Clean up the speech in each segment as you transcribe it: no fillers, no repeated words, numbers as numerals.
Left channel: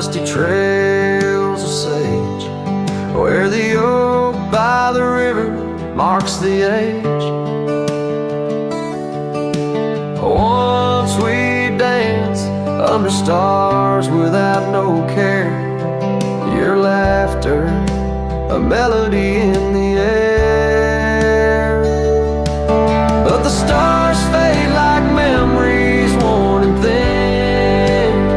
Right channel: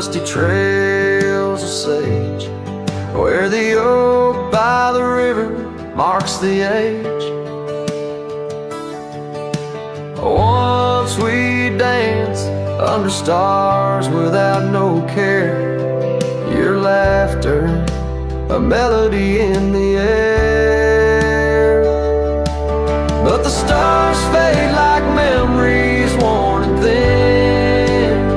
dusty trails of sage, where the oak by the river marks the age. Once we danced under stars without no care, your laughter, a melody in the air. But the stars fade like memories worn and thin,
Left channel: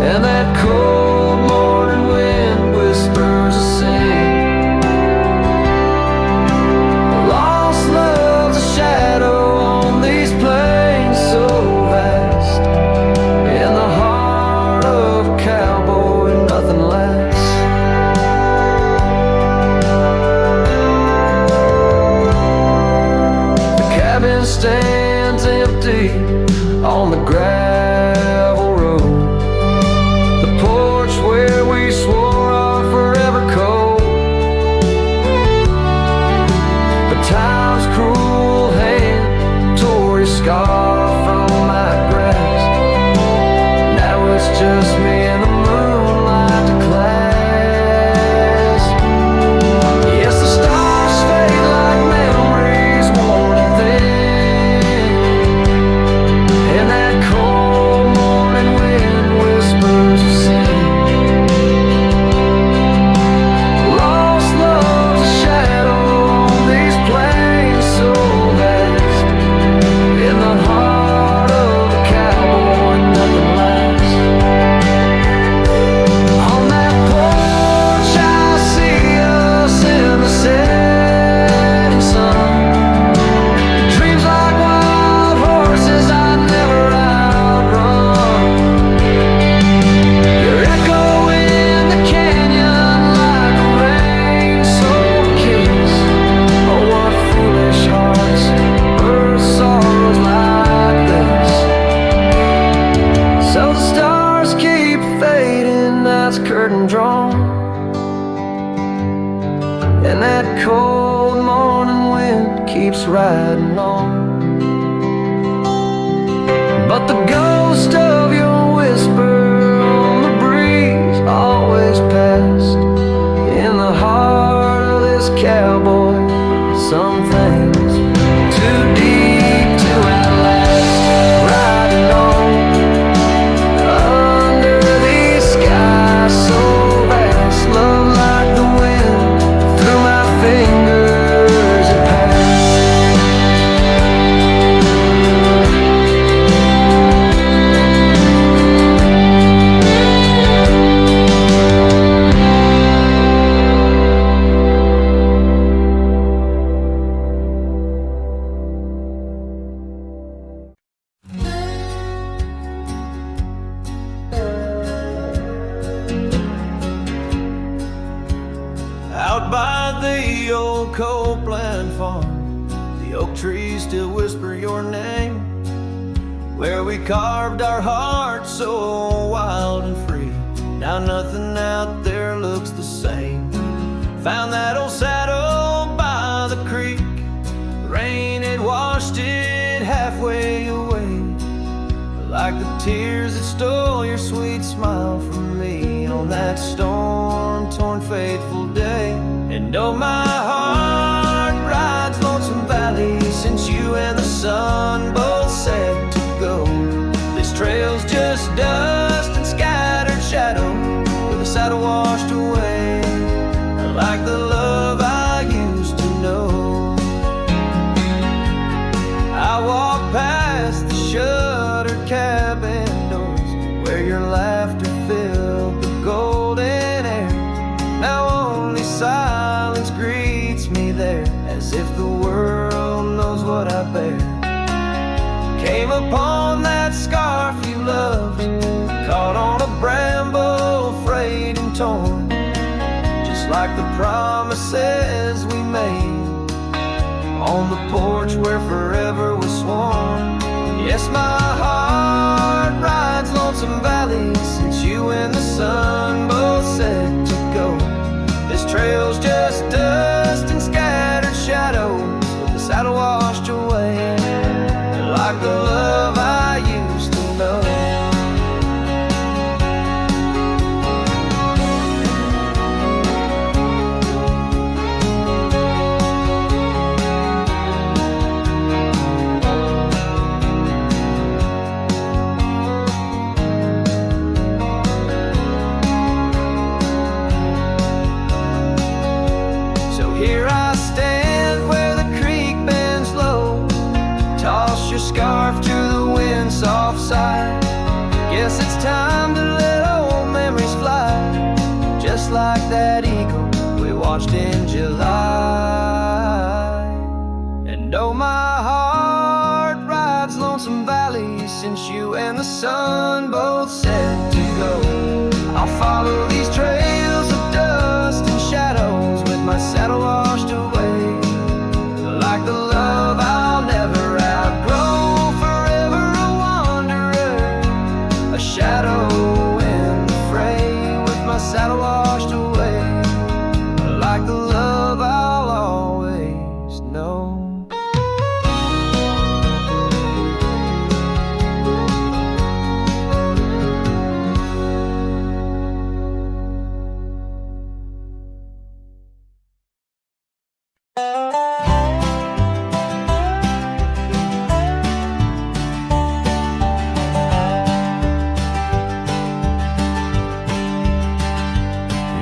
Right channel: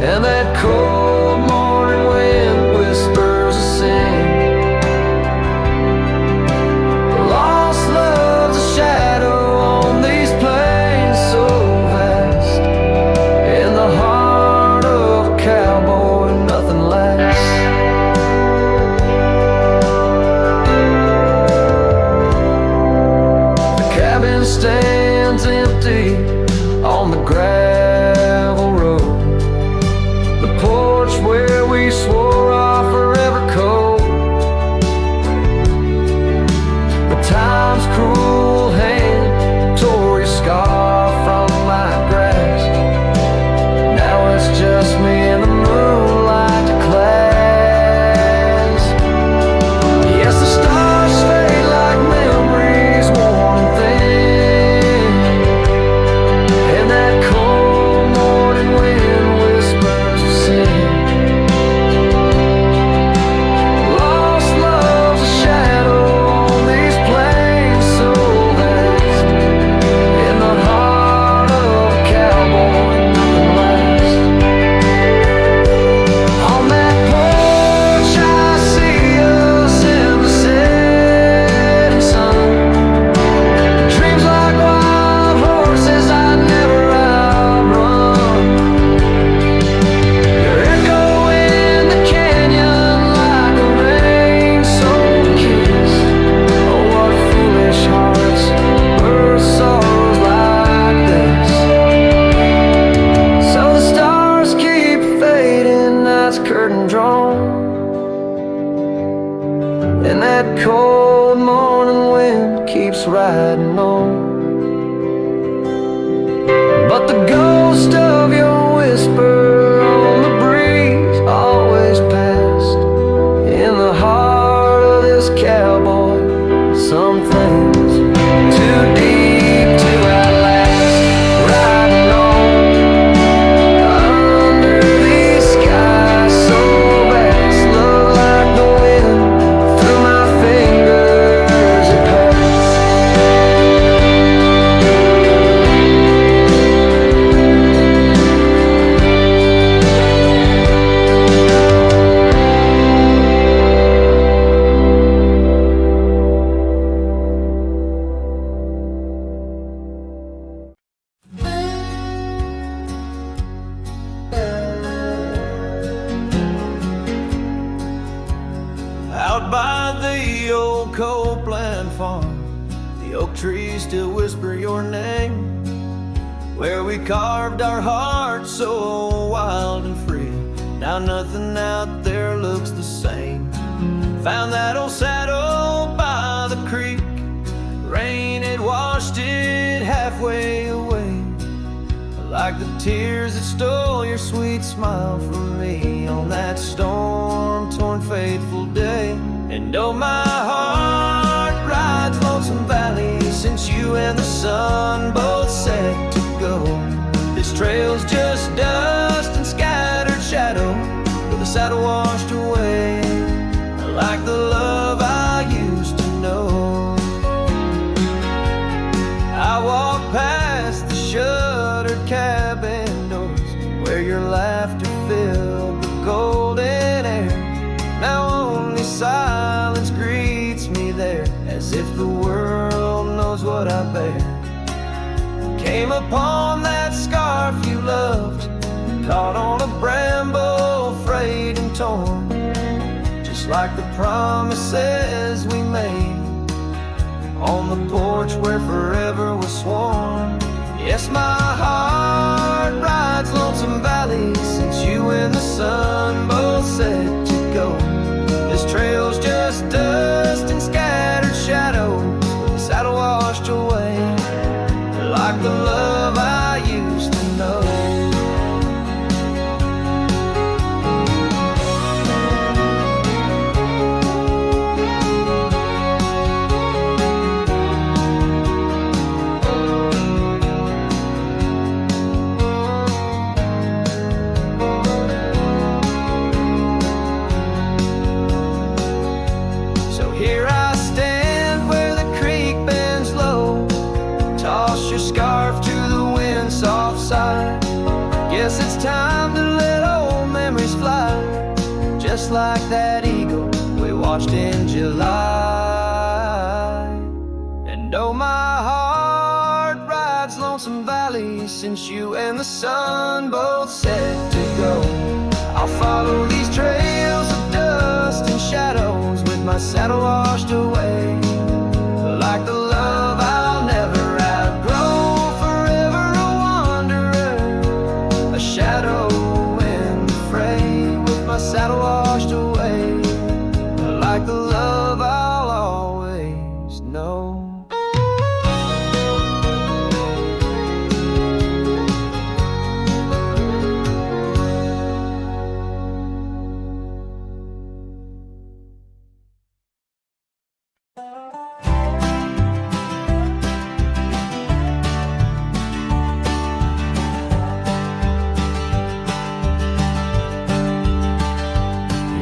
and that cold morning wind whispers a sin. Lost love's a shadow on these plains so vast, in the heart of a cowboy nothing lasts. The cabin stands empty on the gravel road, the porch where we swore our forever code. But time's cruel hand tore your scar from my grasp. Now it's just me and the moonlight to clasp. Yes, the stars fade like memories worn and thin, and that cold morning wind whispers of sin. Lost love's a shadow on these plains so vast, in the heart of a cowboy nothing lasts. On that porch I see us in the setting sun, dreams like wild horses I never outrun. Your echo in the canyon like a rain-soaked kiss. Oh, what foolish hearts birth sorrows like this. So the stars keep fading, night's curtain drawn, and that cold morning wind keeps riding on. But the ghost of your whisper on the breeze always passed. In the heart of this cowboy, some things too deep to outlast. Riding on under these skies so vast, love like the wind through my fingers it passed. Out by the old Copeland farm, the oak trees still whisper your name, where we carved our hearts so wild and free. Now nothing out there looks the same. Found that old saddle by the creek, rain had washed it halfway away, like the tears that stole your sweet smile from me on that storm-torn fateful day. And oh, my heart rides Lonesome Valley since you and the sun both set to go. This trail's just dust and scattered shadow, with the saddle washed away, like the love I used to know. I walk past the shuttered cabin doors, where your laughter filled the golden air. Now only silence greets me there, as if the world knows what I bear. Came upon that scarf you loved, caught on a bramble, frayed and torn, just like the promises we made on the porch where forever was sworn. Yes, my heart rides Lonesome Valley since you and the sun both set to go. This trail's just dust and scattered shadows, with the saddle washed away, like the love I used to know. side. Guess it's time to let old memories fly, just like that eagle we watched in July. And oh, my heart rides lonesome valleys since you and the sun both said to go. I'll follow these trails of dust and shadows with my saddle washed away, like the love I'll never outgrow, forever a wanderer, a shadow in the fray, with my saddle washed away, like the love I'll always know.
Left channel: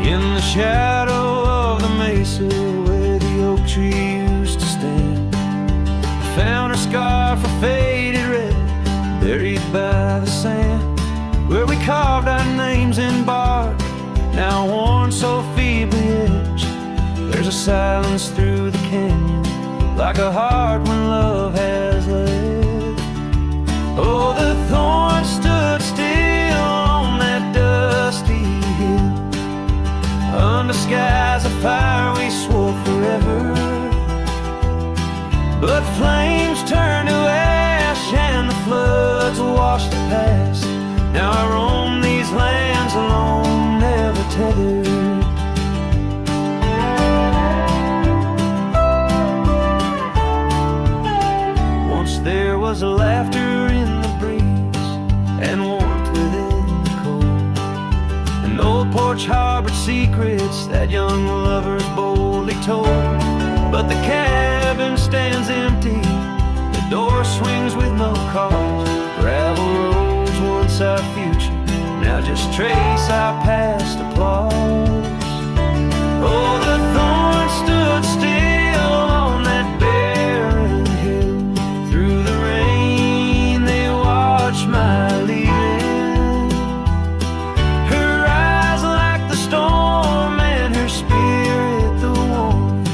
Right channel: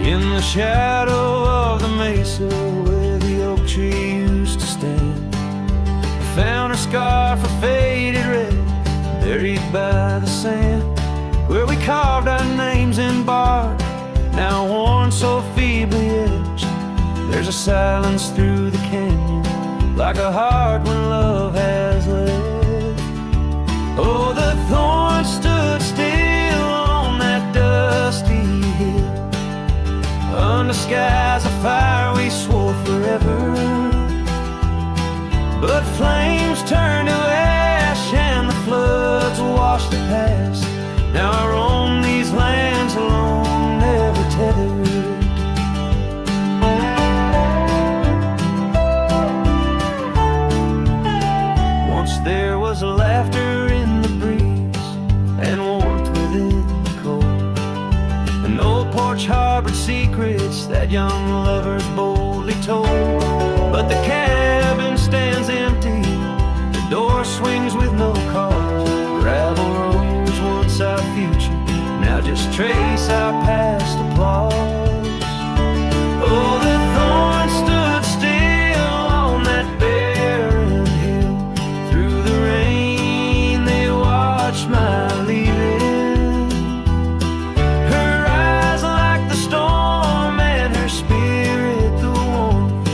In the shadow of the mesa where the oak tree used to stand, I found her scarf of faded red, buried by the sand, where we carved our names in bark, now worn so feebly etched. There's a silence through the canyon, like a heart when love has left. Oh, the thorns stood still on that dusty hill, under skies of fire we swore forever, but flames turned to ash and the floods washed the past. Now I roam these lands alone, never tethered. Once there was laughter in the breeze and warmth within the cold. An old porch harbored secrets that young lovers boldly told. But the cabin stands empty, the door swings with no cause. Gravel roads, once our future, now just trace our past applause. Oh, the thorns stood still on that barren hill. Through the rain they watched my leaving, her eyes like the storm and her spirit the warmth.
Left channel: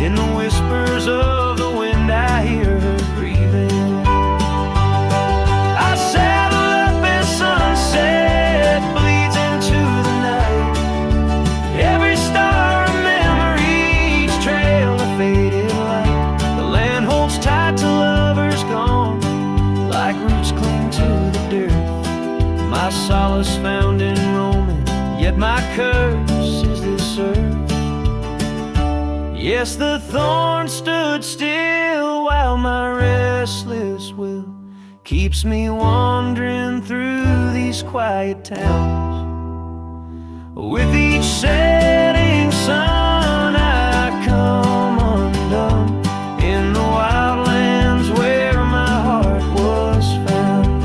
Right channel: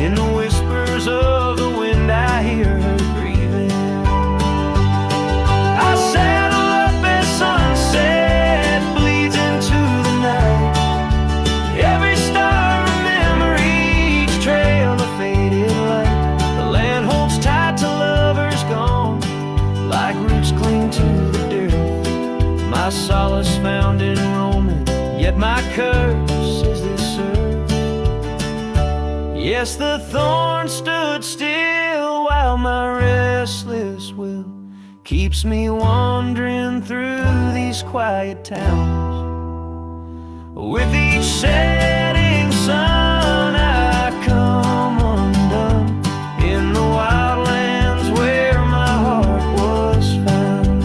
In the whispers of the wind I hear her grieving. I saddle up as sunset bleeds into the night, every star a memory, each trail a faded light. The land holds tight to lovers gone, like roots cling to the dirt. My solace found in roaming, yet my curse is this earth. Yes, the thorn stood still while my restless will keeps me wandering through these quiet towns. With each setting sun I come undone in the wildlands where my heart was found.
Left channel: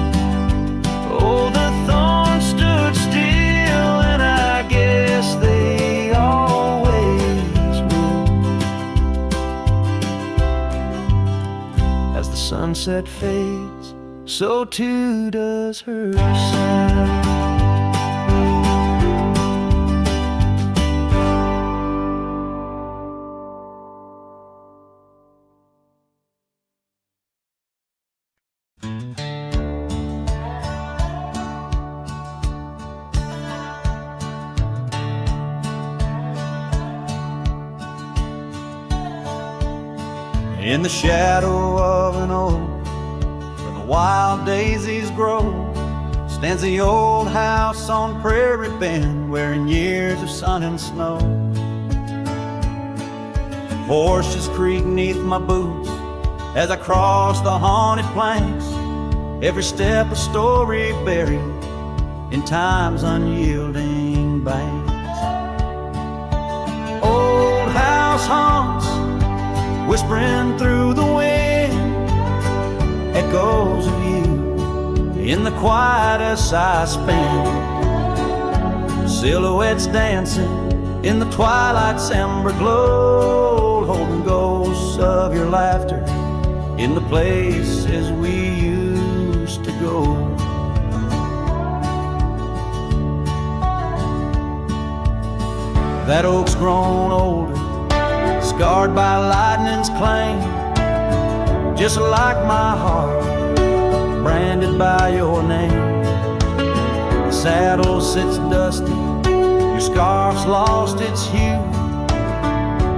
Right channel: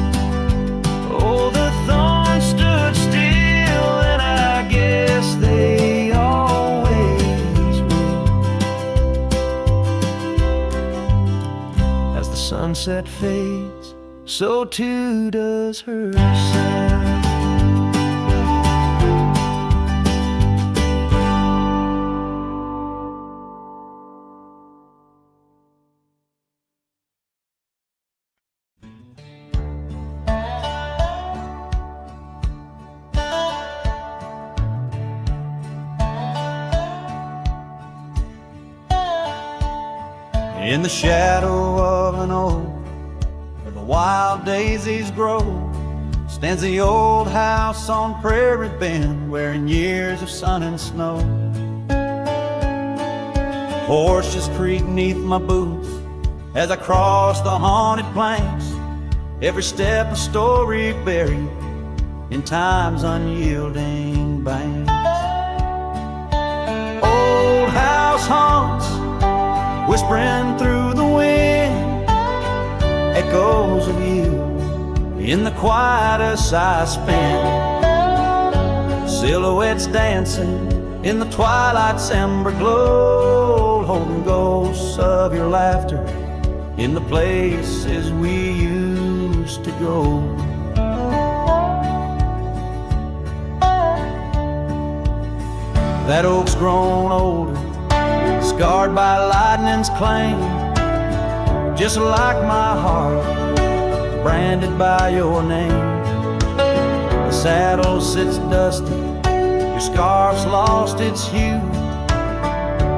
Oh, the thorns stood still, and I guess they always will. As the sunset fades, so too does her sound. In the shadow of an oak where the wild daisies grow, stands the old house on Prairie Bend, wearing years of sun and snow. Horses creak neath my boots as I cross the haunted planks, every step a story buried in time's unyielding banks. Old house haunts, whispering through the wind, echoes of you in the quietest I spend. Silhouettes dancing in the twilight's ember glow, holding ghosts of your laughter in the places we used to go. That oak's grown older, scarred by lightning's claim, just like my heart, branded by your name. The saddle sits dusty, your scarf's lost its hue,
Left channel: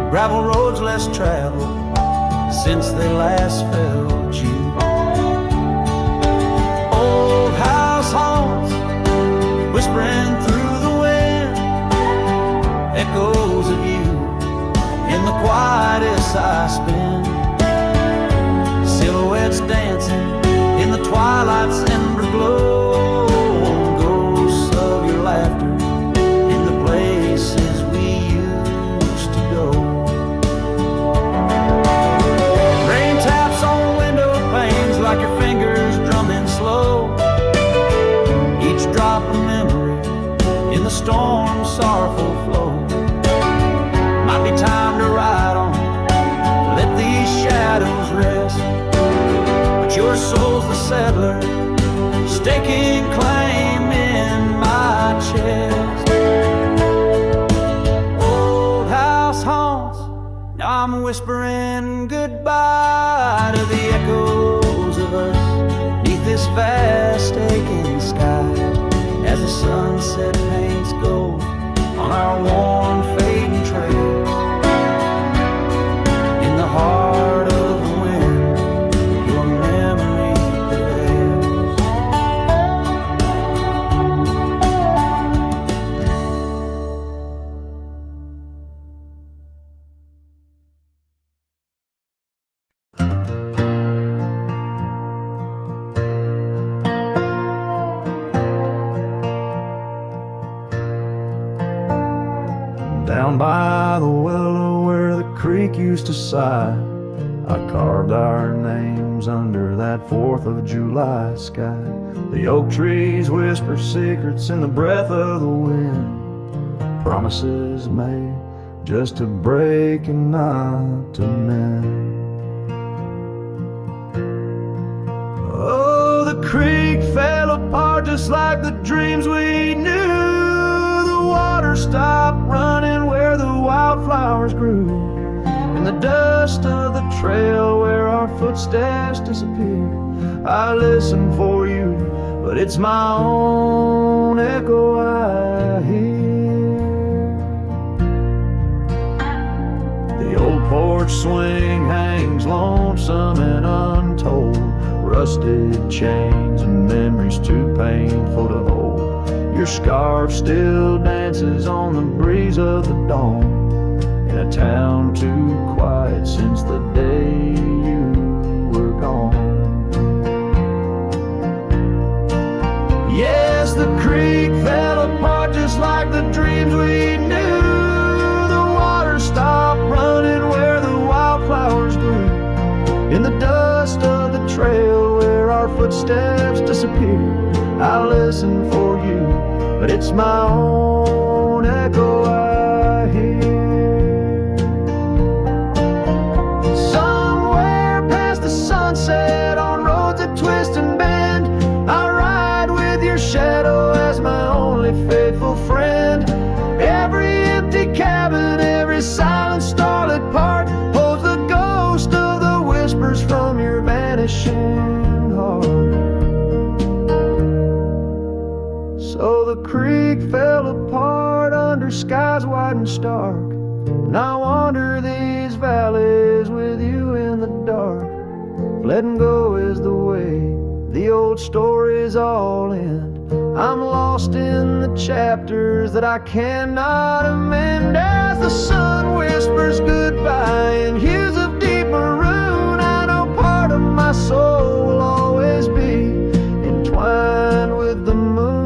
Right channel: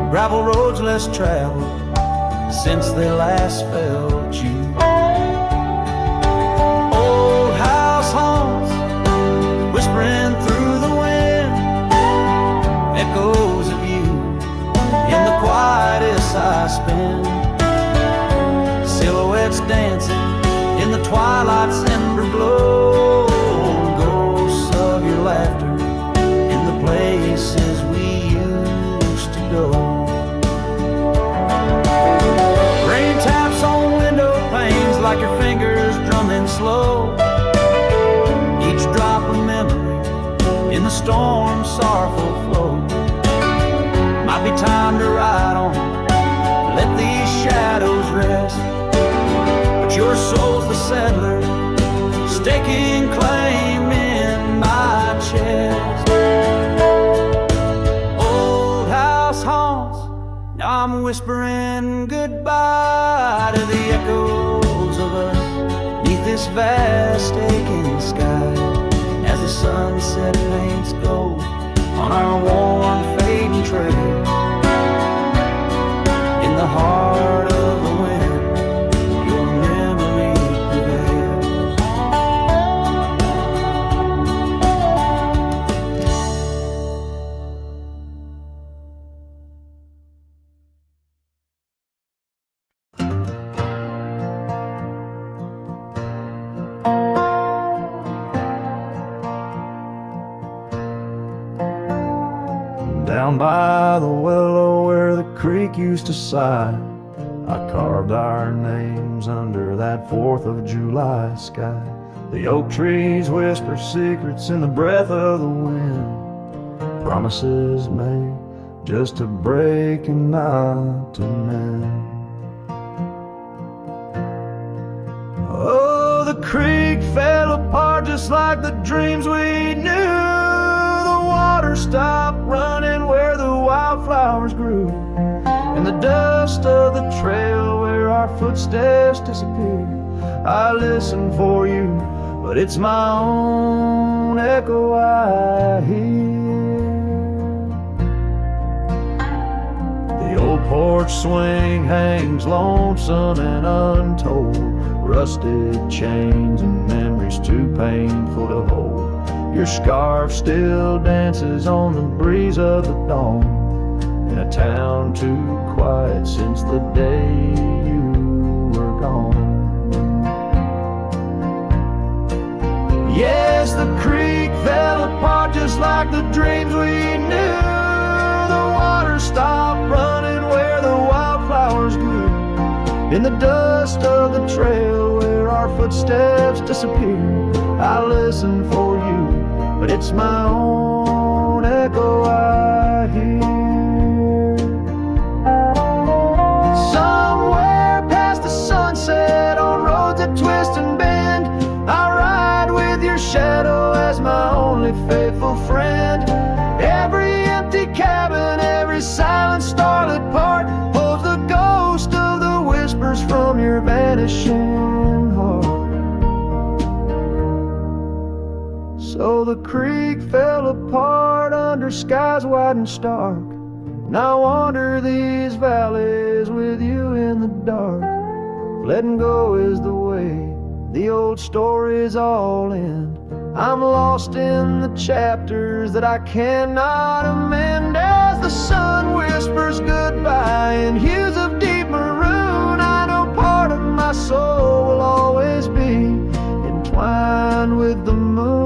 gravel roads less traveled since they last felt you. Old house haunts, whispering through the wind, echoes of you in the quietest I spend. Silhouettes dancing in the twilight's ember glow, and ghosts of your laughter in the places we used to go. Rain taps on window panes like your fingers drumming slow, each drop a memory in the storm's sorrowful flow. Might be time to ride on, let these shadows rest, but your soul's the settler, staking claim in my chest. Old house haunts, now I'm whispering goodbye to the echoes of us neath this vast aching sky, as the sunset paints gold on our worn fading trails. In the heart of the wind, your memory prevails. Down by the willow where the creek used to sigh, I carved our names under that 4th of July sky. The oak trees whisper secrets in the breath of the wind, promises made just to break and not to mend. Oh, the creek fell apart just like the dreams we knew. The water stopped running where the wildflowers grew, in the dust of the trail where our footsteps disappear. I listen for you, but it's my own echo I hear. The old porch swing hangs lonesome and untold, rusted chains and memories too painful to hold. Your scarf still dances on the breeze of the dawn, in a town too quiet since the day you were gone. Yes, the creek fell apart just like the dreams we knew. The water stopped running where the wildflowers grew, in the dust of the trail where our footsteps disappear. I listen for you, but it's my own echo I hear. Somewhere past the sunset, on roads that twist and bend, I ride with your shadow as my only faithful friend. Every empty cabin, every silent starlit part holds the ghost of the whispers from your vanishing heart. So the creek fell apart under skies wide and stark, and I wander these valleys with you in the dark. Letting go is the way the old stories all end. I'm lost in the chapters that I cannot amend. As the sun whispers goodbye in hues of deep maroon, I know part of my soul will always be entwined with the moon.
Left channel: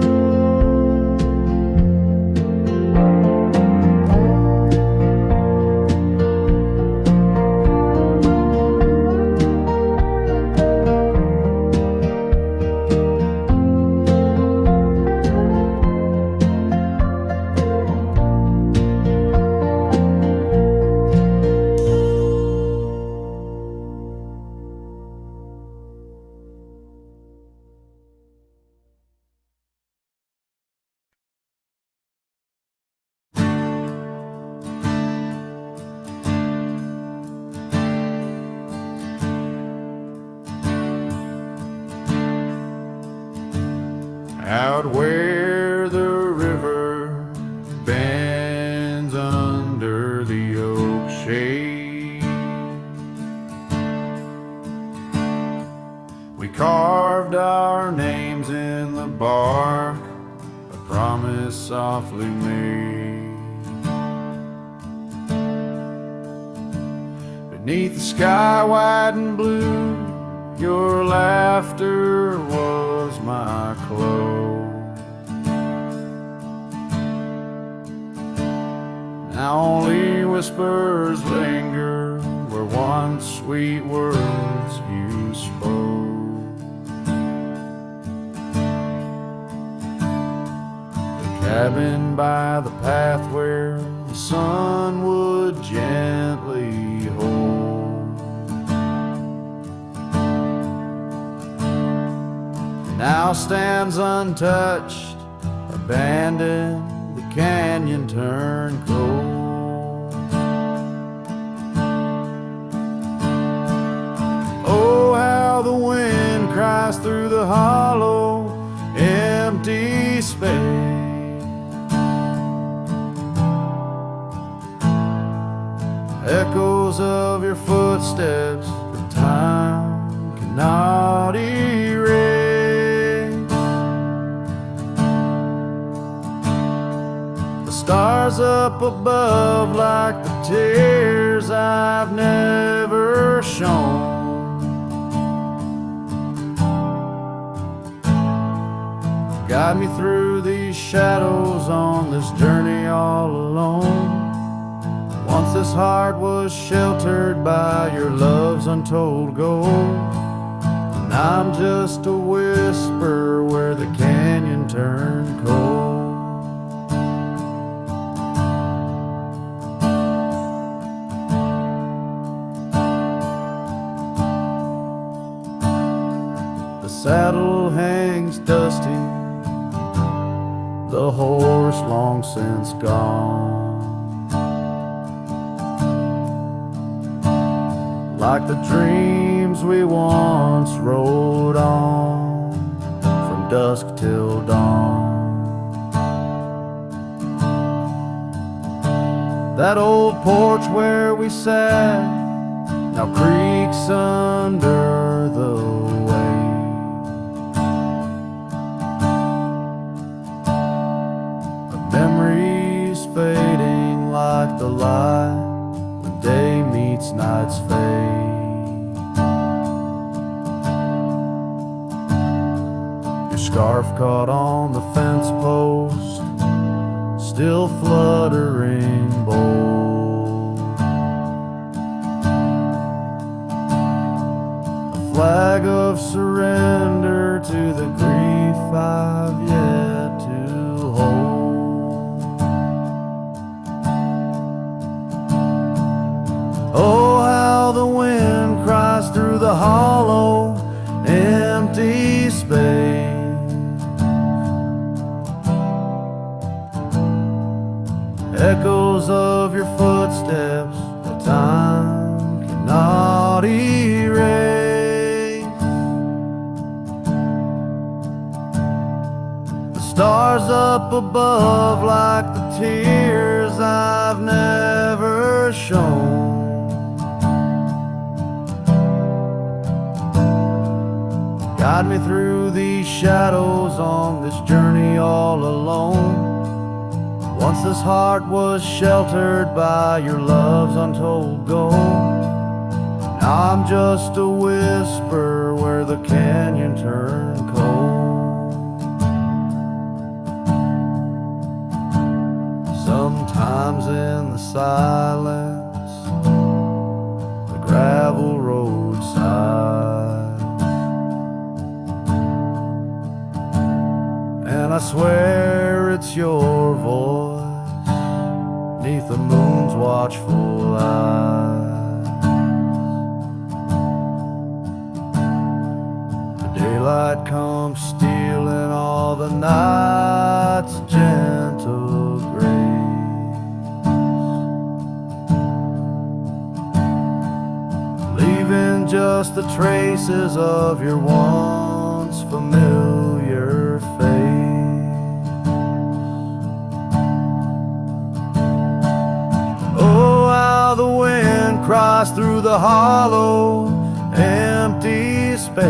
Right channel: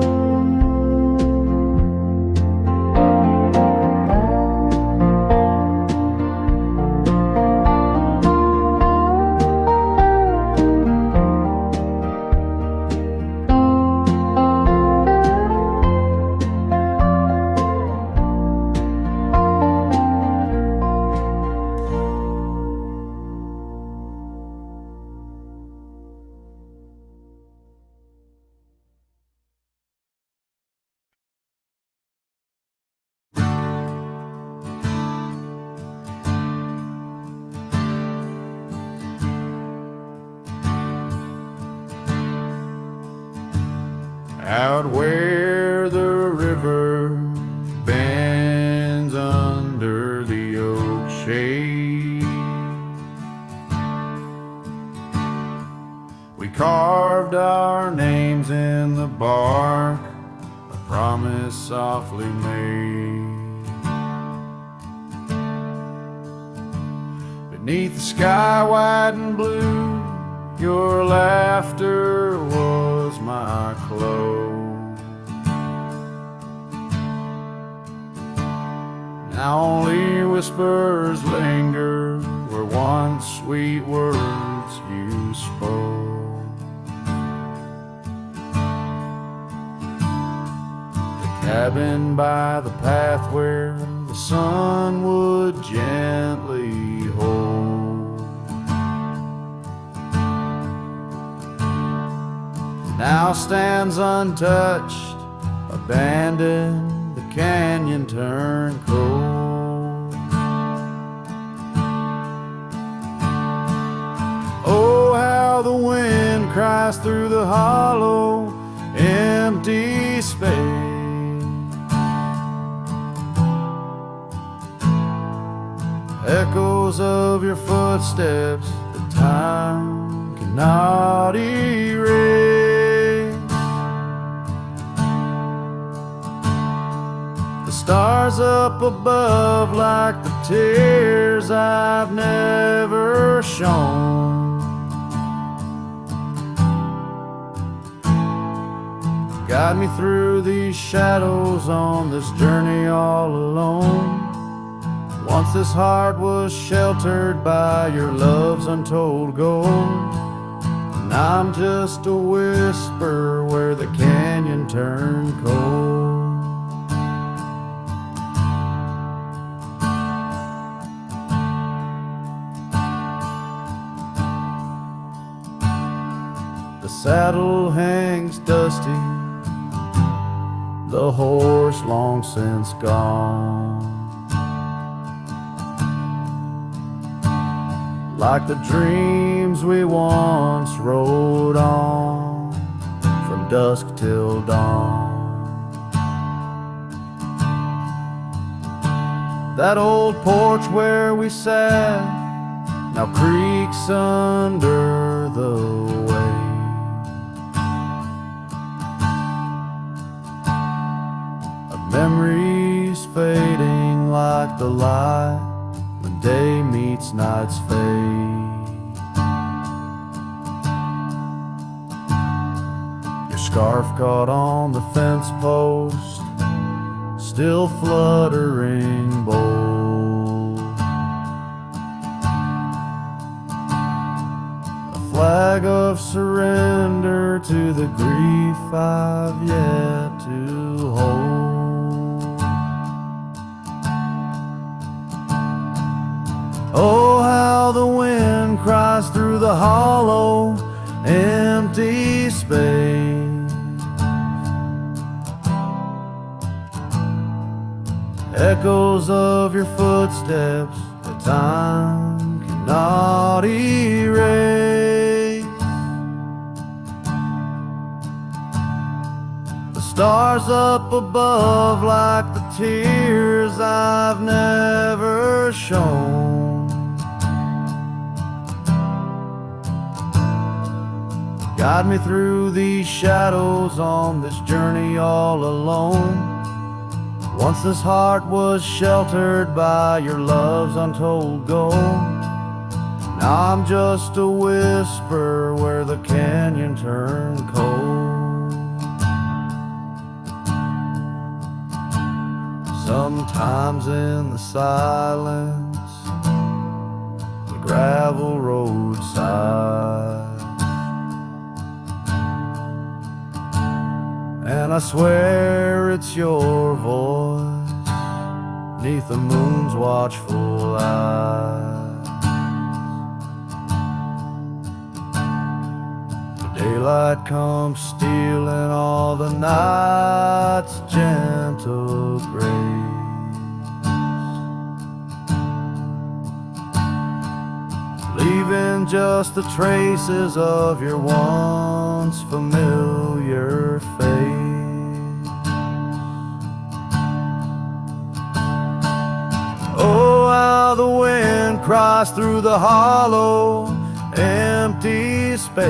out where the river bends under the oak shade. We carved our names in the bark, a promise softly made. Beneath the sky white and blue, your laughter was my clothes. Now only whispers linger where once sweet words you spoke. The cabin by the path where the sun would gently hold, now stands untouched, abandoned, the canyon turned cold. Oh, how the wind cries through the hollow, empty space. Echoes of your footsteps that time cannot erase. The stars up above like the tears I've never shown. Guide me through these shadows on this journey all alone. Once this heart was sheltered by your love's untold gold, and I'm just a whisper where the canyon turned cold. The saddle hangs dusty, the horse long since gone. Like the dreams we once rode on from dusk till dawn. That old porch where we sat now creaks under the weight of memories fading like the light when day meets night's fade. Your scarf caught on the fence post, still fluttering bold. A flag of surrender to the grief I've yet to hold. Oh, how the wind cries through the hollow, empty space. Echoes of your footsteps that time cannot erase. The stars up above like the tears I've never shown. Guide me through these shadows on this journey all alone. Once this heart was sheltered by your love's untold gold. Now I'm just a whisper where the canyon turned cold. Sometimes in the silence, the gravel roadside, and I swear it's your voice 'neath the moon's watchful eyes. The daylight comes stealing all the night's gentle grace, leaving and just the traces of your once familiar face. Oh, how the wind cries through the hollow, empty space.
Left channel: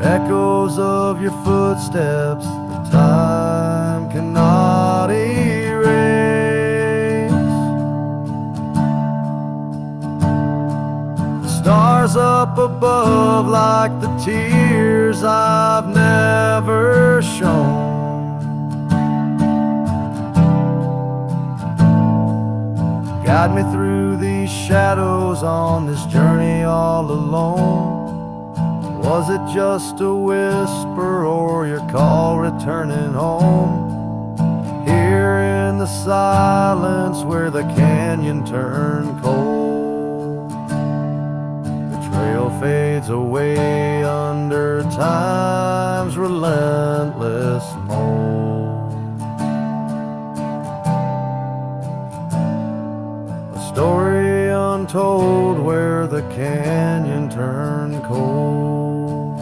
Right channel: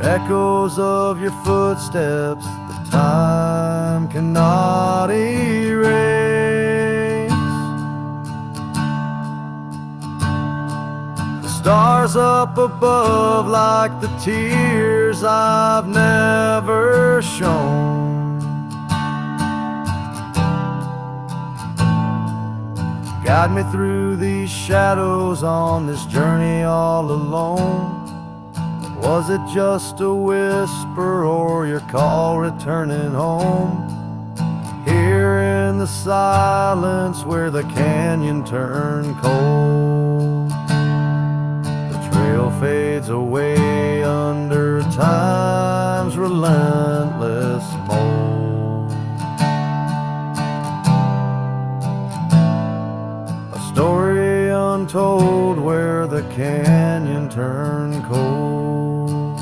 Echoes of your footsteps that time cannot erase. The stars up above like the tears I've never shown. Guide me through these shadows on this journey all alone. Was it just a whisper or your call returning home? Here in the silence where the canyon turned cold, the trail fades away under time's relentless mold. A story untold where the canyon turned cold.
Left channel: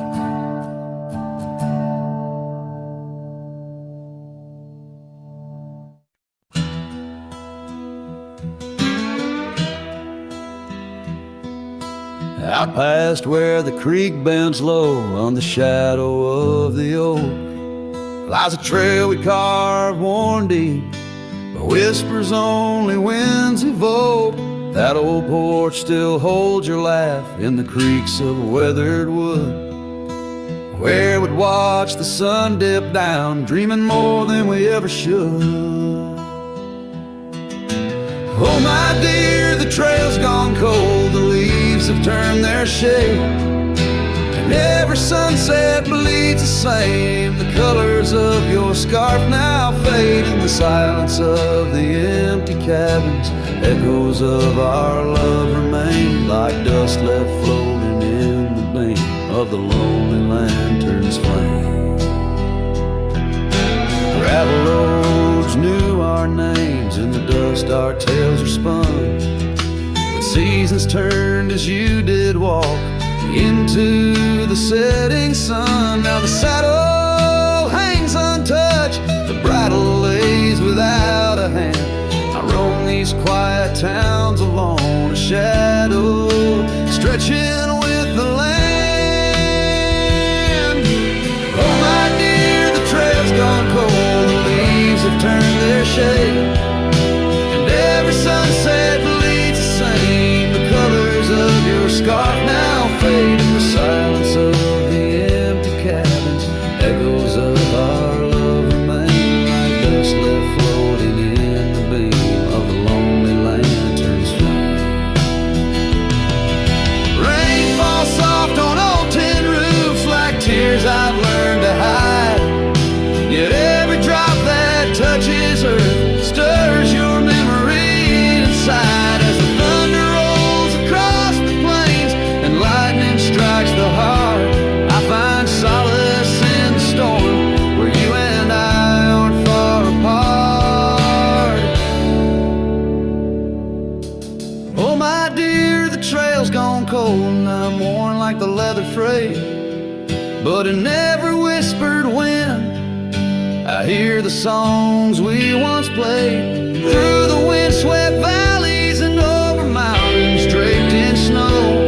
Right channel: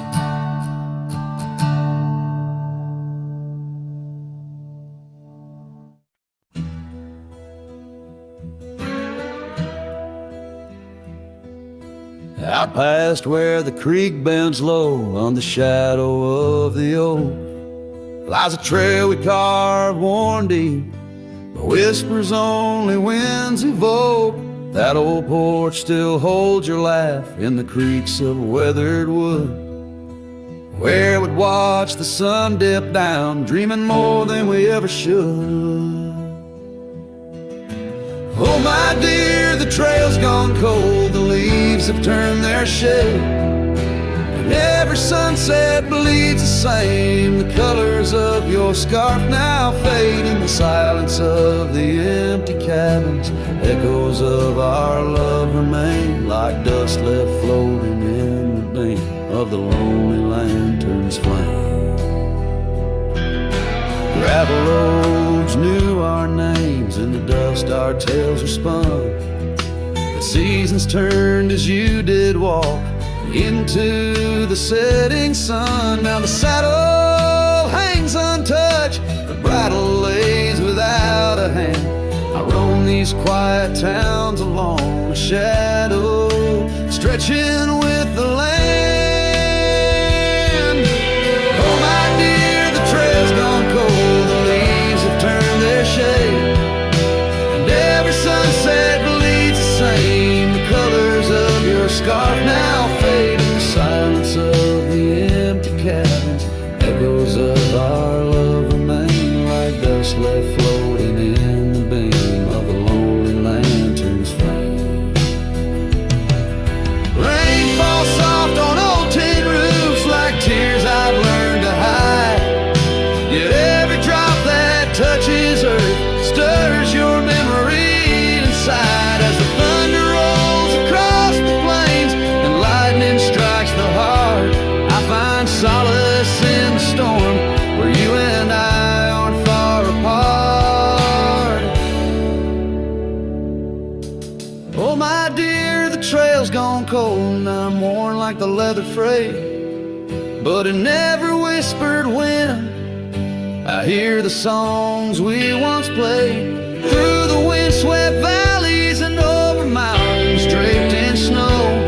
Out past where the creek bends low on the shadow of the oak lies a trail we carved worn deep, but whispers only winds evoke. That old porch still holds your laugh in the creaks of weathered wood, where we'd watch the sun dip down, dreaming more than we ever should. Oh my dear, the trail's gone cold, the leaves have turned their shade, and every sunset bleeds the same. The colors of your scarf now fade in the silence of the empty cabins. Echoes of our love remain like dust left floating in the beam of the lonely lantern's flame. Gravel roads knew our names, in the dust our tales are spun, but seasons turned as you did walk into the setting sun. Now the saddle hangs untouched, the bridle lays without a hand. I roam these quiet towns alone, a shadow stretching with the land. Oh my dear, the trail's gone cold, the leaves have turned their shade, and every sunset bleeds the same. The colors of your scarf now fade in the silence of the empty cabins. Echoes of our love remain like dust left floating in the beam of the lonely lantern's flame. Rain falls soft on old tin roofs like tears I've learned to hide, yet every drop that touches earth stirs your memory inside. As the thunder rolls across the plains and lightning strikes the heart, I find solace in the storm where you and I aren't far apart. Oh my dear, the trail's gone cold and I'm worn like the leather freight, but in every whispered wind I hear the songs we once played. Through the windswept valleys and over mountains draped in snow,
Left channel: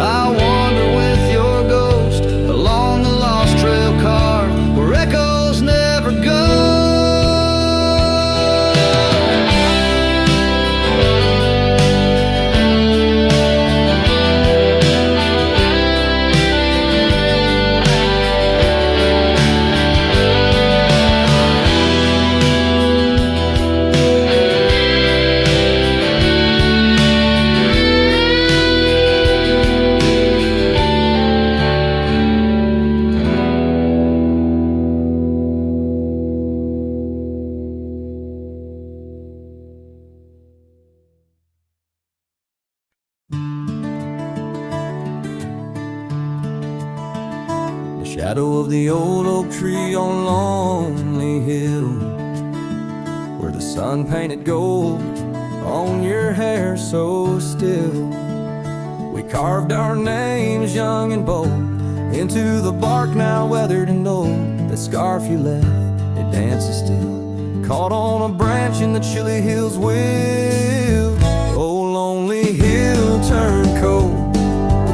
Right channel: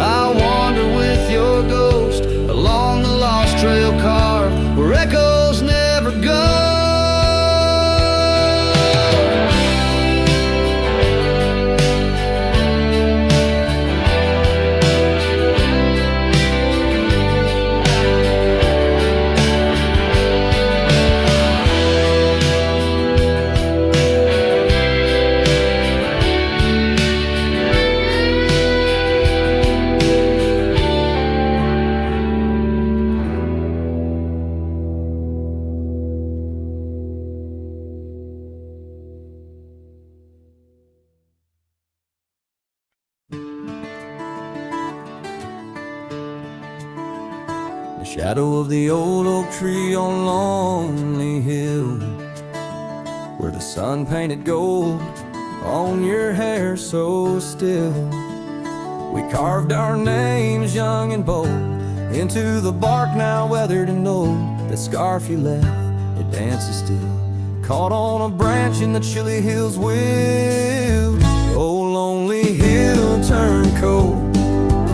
I'll wander with your ghost along the lost trail carved where echoes never go. Shadow of the old oak tree on Lonely Hill, where the sun painted gold on your hair so still. We carved our names young and bold into the bark now weathered and old. That scarf you left, it dances still, caught on a branch in the chilly hills wild. Oh, lonely hill turned cold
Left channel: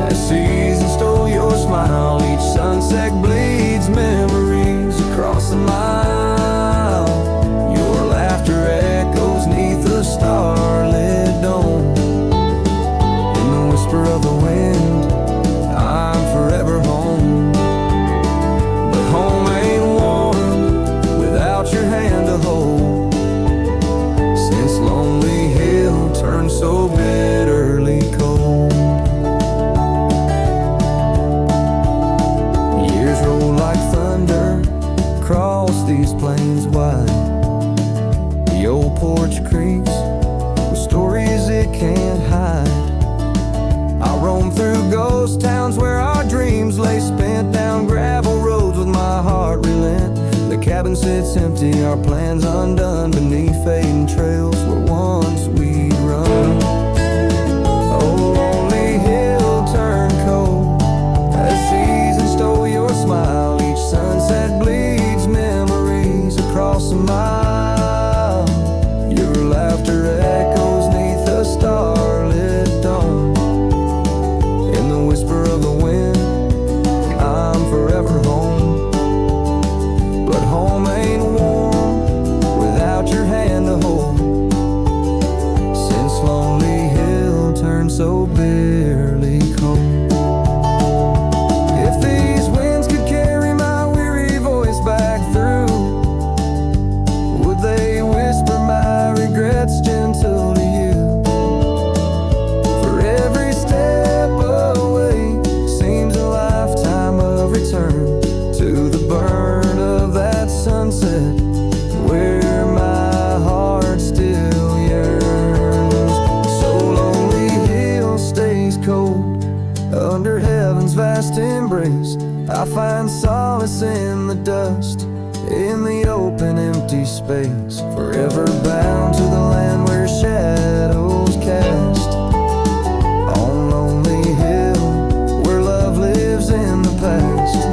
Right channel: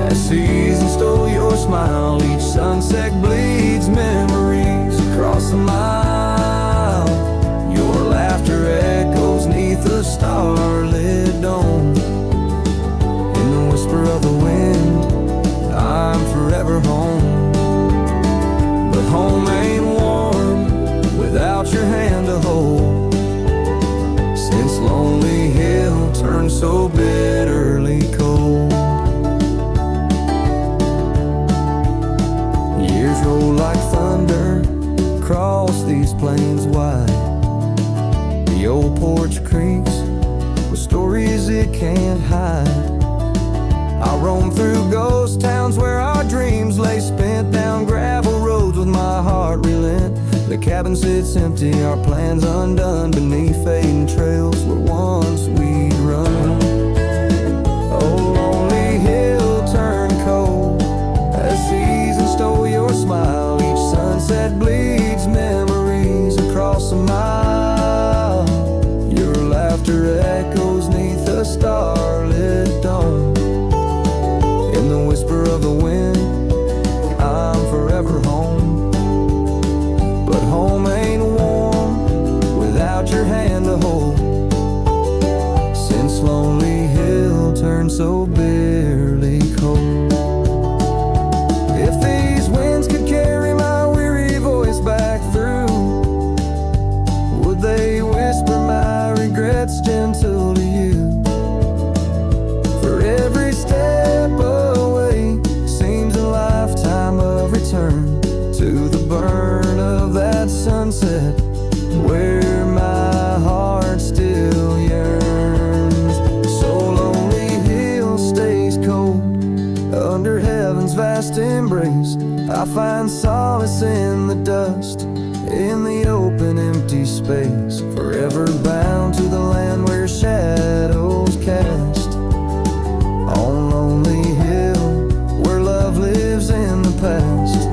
as season stole your smile. Each sunset bleeds memories across a mile. Your laughter echoes neath the starlit dome. In the whisper of the wind, I'm forever home. But home ain't warm without your hand to hold. Since Lonely Hill turned so bitterly cold. Years roll like thunder across these plains wide. The old porch creaks with stories it can't hide. I roam through ghost towns where our dreams lay spent, down gravel roads with my heart relent. The cabin sits empty, our plans undone, beneath fading trails where once we'd run. Oh, Lonely Hill turned cold as season stole your smile. Each sunset bleeds memories across a mile. Your laughter echoes neath the starlit dome. In the whisper of the wind, I'm forever home. But home ain't warm without your hand to hold. Since Lonely Hill turned so bitterly cold. If these winds could carry my weary voice back through, would they whisper my regrets gentle to you? For every step away seems a lifetime of return to the burn of that sunset where my heart still yearns. So Lonely Hill stays cold under heaven's vast embrace. I find solace in the dust, in the open empty space, forever bound to the land where shadows cast. On Lonely Hill where love lives in the past.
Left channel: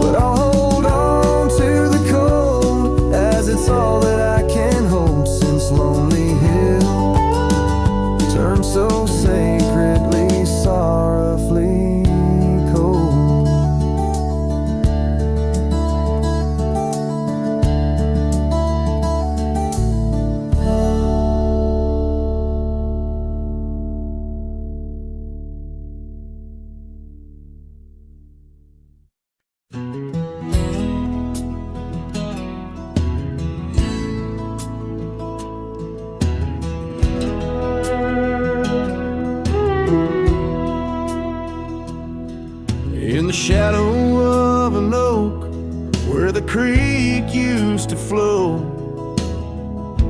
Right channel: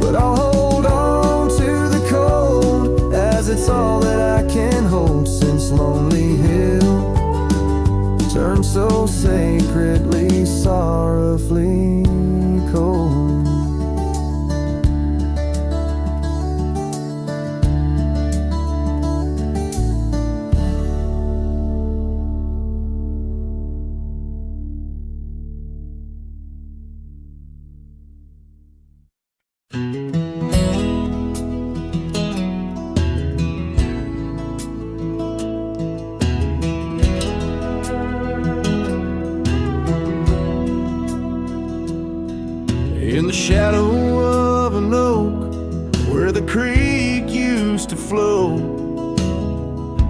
But I'll hold on to the cold as it's all that I can hold. Since Lonely Hill turned so sacredly, sorrowfully cold. In the shadow of an oak where the creek used to flow,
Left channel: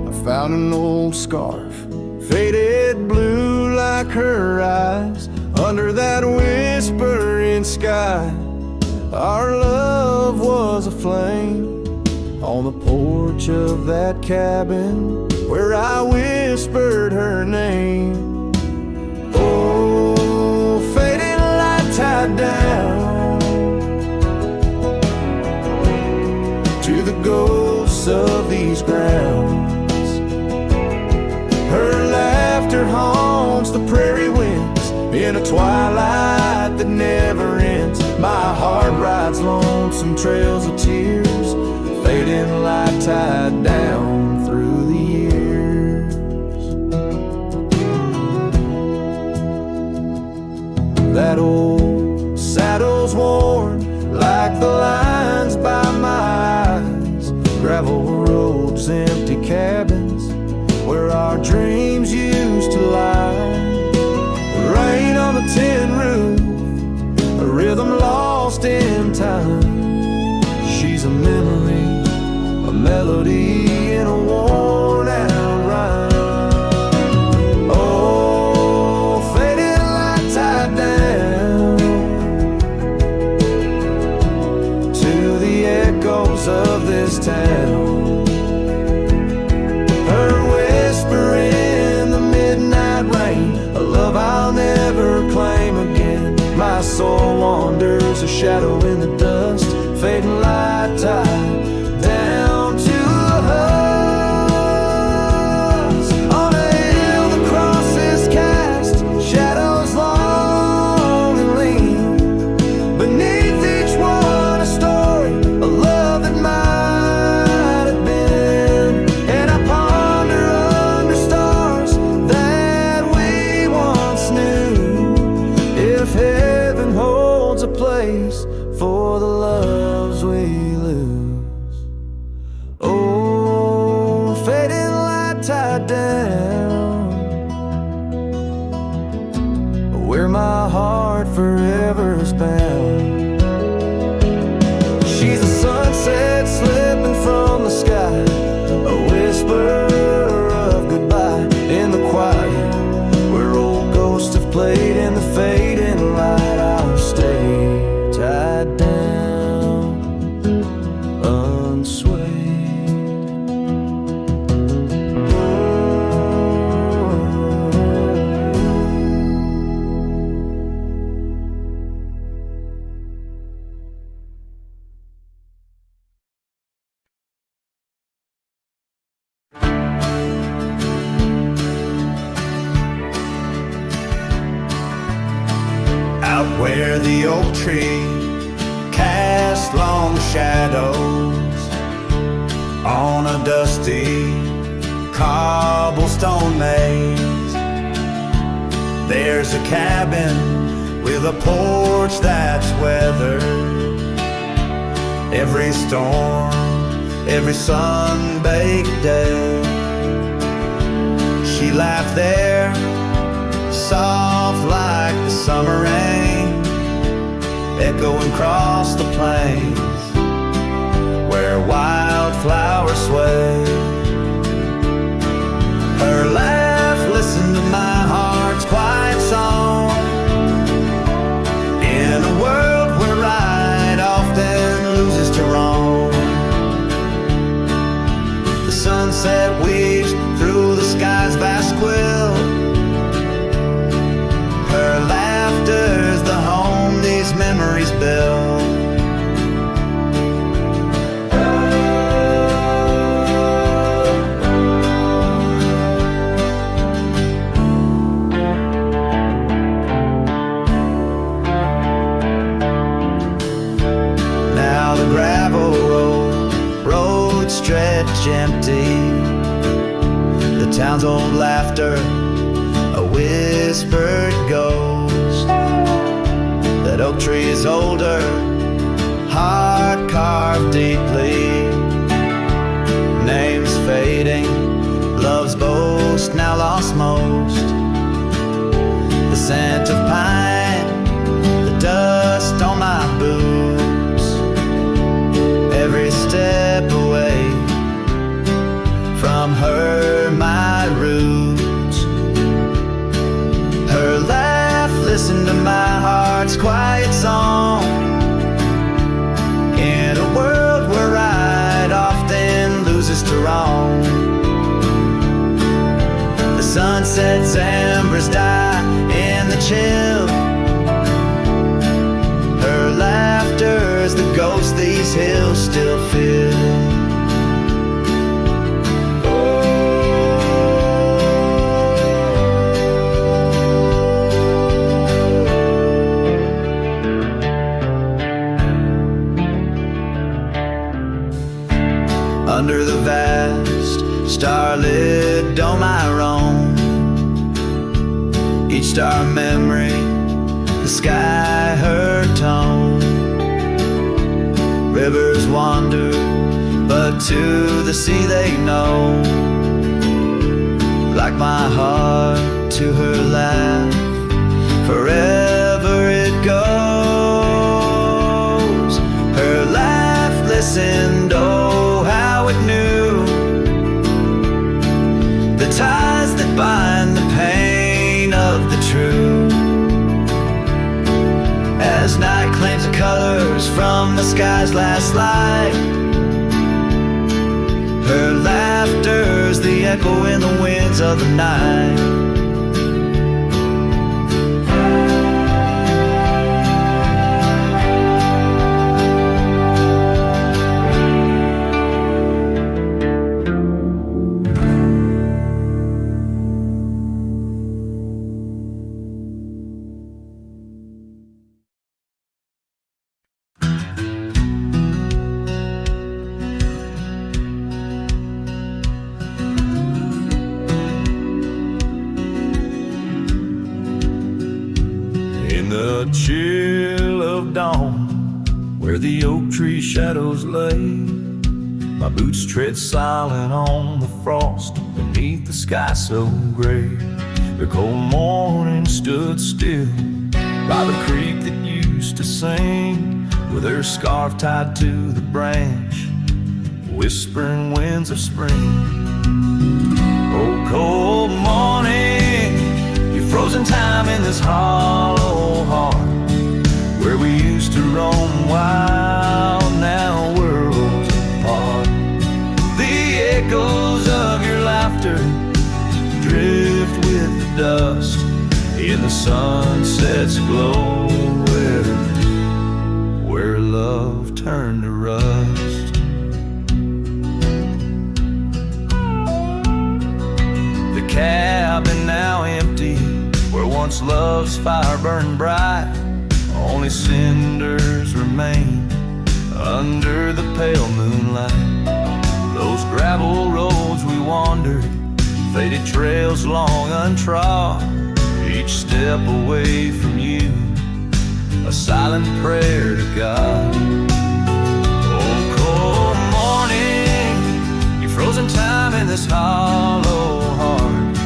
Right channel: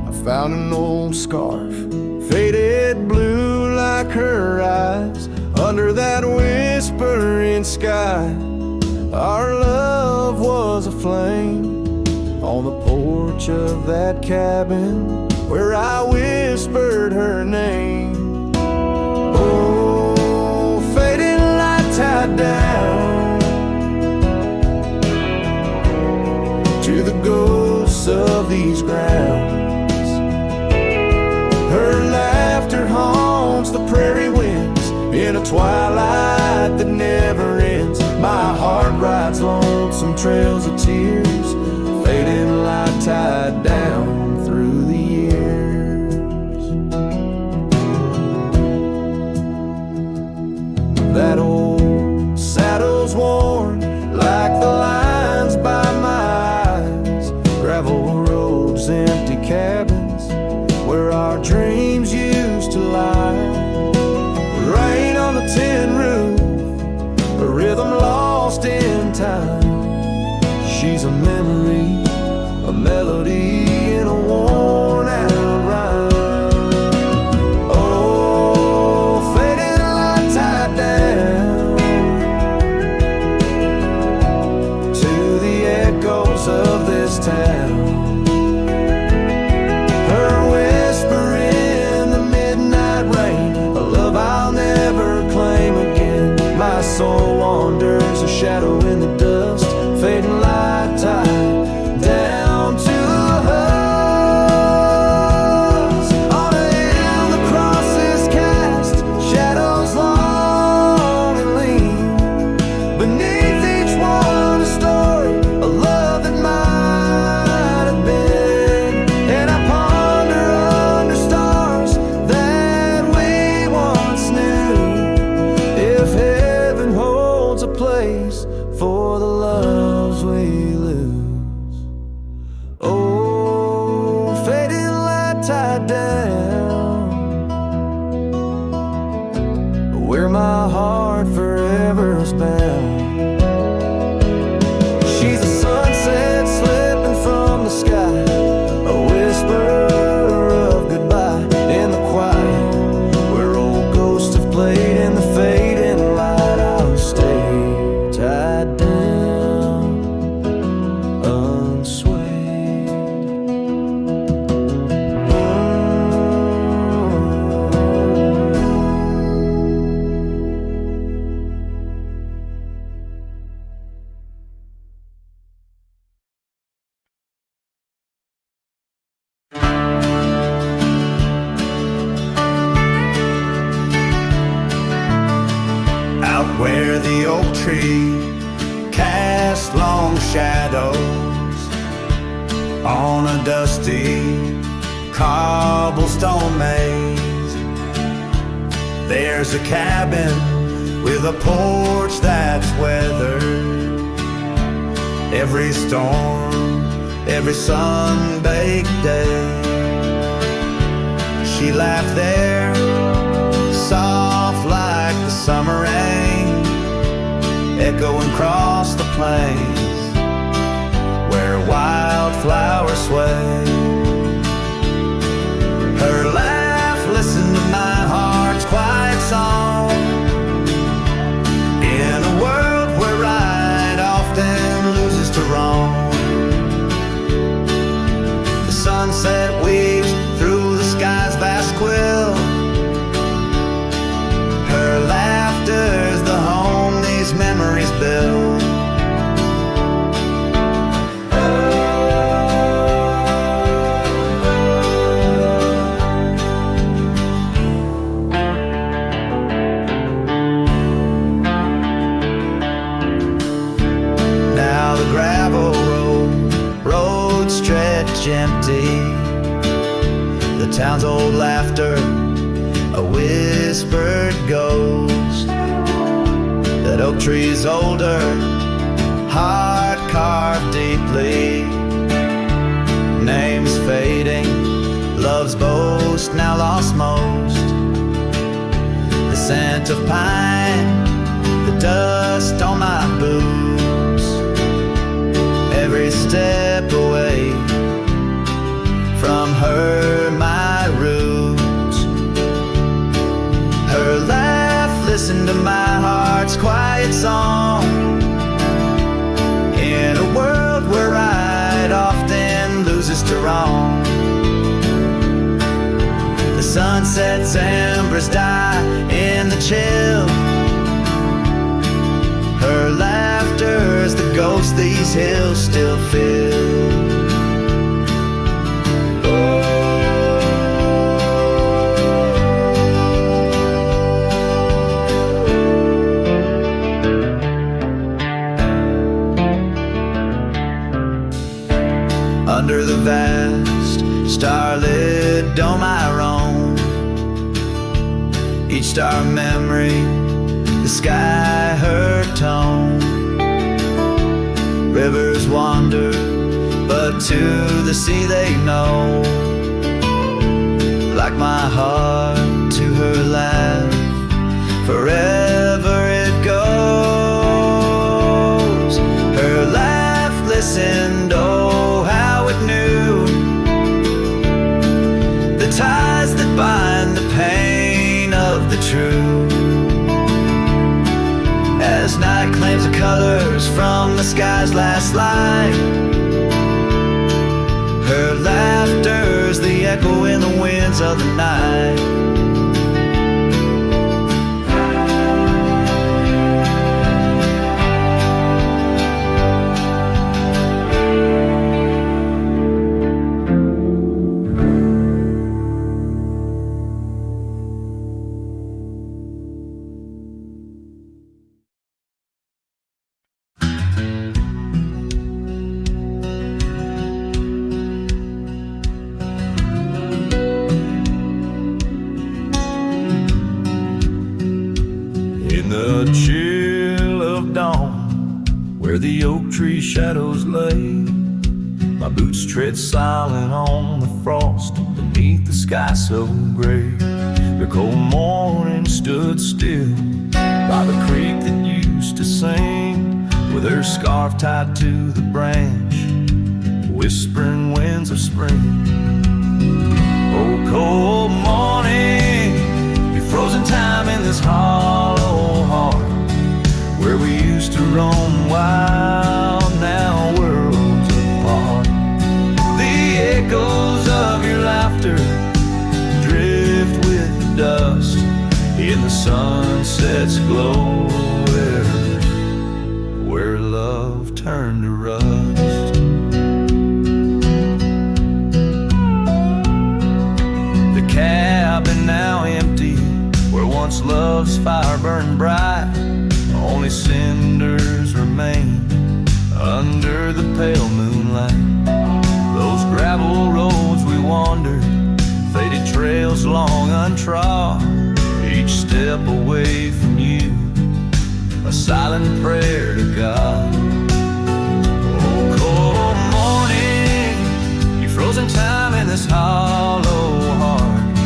I found an old scarf, faded blue like her eyes. Under that whispering sky, our love was a flame. On the porch of that cabin where I whispered her name. Oh, fading light tied down to the ghosts of these grounds. Her laughter haunts the prairie winds in a twilight that never ends. My heart rides lonesome trails of tears, fading light tied down through the years. That old saddle's worn like the lines by my eyes. Gravel roads, empty cabins where our dreams used to lie. Rain on the tin roof, a rhythm lost in time. She's a memory, a melody in a worn out rhyme. Oh, faded light tied down to the echoes of this town. Her whispering soul wanders, a shadow in the dust, fading light tide down to a husk. On a hill the cross is cast, shadows long and lean. Beneath each one a story, a love that might have been. And I ponder under stars that we once knew, if heaven holds a place for the loves we lose. Oh, fading light tide down, where my heart forever is bound. She's the sunset slipping from the sky, a whisper of goodbye in the quiet, where old ghosts have played in the fading light. I'll stay tied down, unswayed. Out where the oak tree cast long shadows on a dusty cobblestone maze, there's a cabin with a porch that's weathered every storm, every sun-baked day. She laughed there, soft like the summer rain, echoing across the plains where wildflowers sway. Her laugh listened to my heart's quiet song, in a world where right often loses to wrong. The sunset weaves through the sky's vast quilt, her laughter's the home these memories build. Now the gravel roads stretch empty, the town's old laughter a whispered ghost. That oak tree's older, heart carved deeply, names fading, love's boast now lost most. The scent of pine, the dust on my boots, every step away from her my roots. Her laugh listened to my heart's quiet song, in a world where right often loses to wrong. The sunset's embers die in the chill, her laughter's the ghost these hills still fill. Under the vast starlit dome I roam, each star memory, the sky her tone. Rivers wander, but to the sea they know, like my heart to her laugh, forever it goes. Her laugh listened, oh how it knew the ties that bind the pain of the true. As night claims the colors from the sky's last light, her laughter's the echo in the winds of the night. the chill of dawn, where the oak tree shadows lay. My boots tread silent on the frost beneath the sky so gray. The cold morning stood still by the creek that used to sing, with her scarf tied to the branch, whispering winds of spring. Oh, cold morning, you frozen time in this hollow heart, where we used to roam wild, now worlds apart. The echoes of your laughter drift with the dust in the sunset's glow, where love turned to rust. The cabin now empty, where once love's fire burned bright, only cinders remain under the pale moonlight. Those gravel roads we wandered, faded trails long untrod, each step away from you, a silent prayer to God. Oh, cold morning, you frozen time in this hollow heart,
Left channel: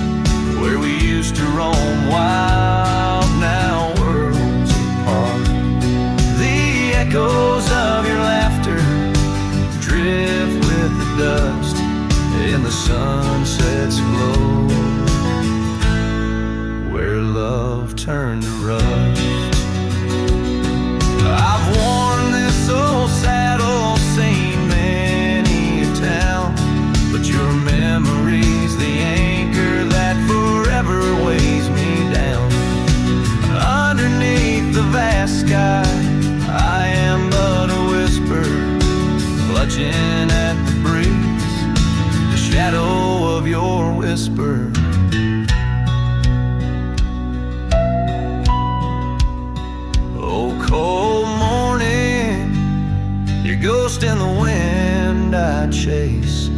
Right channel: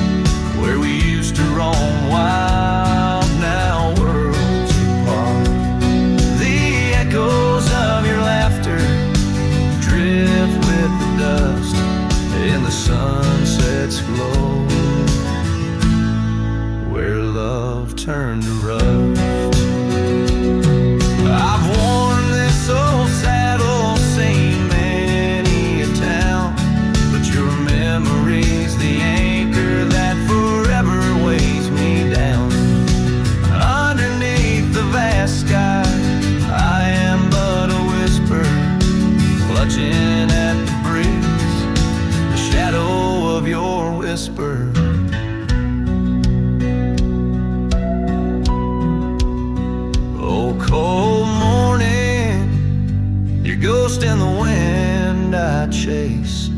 where we used to roam wild, now worlds apart. The echoes of your laughter drift with the dust in the sunset's glow, where love turned to rust. I've worn this old saddle, seen many a town, but your memory's the anchor that forever weighs me down. Underneath the vast sky, I am but a whisper, clutching at the breeze, the shadow of your whisper. Oh, cold morning, your ghost in the wind I chase,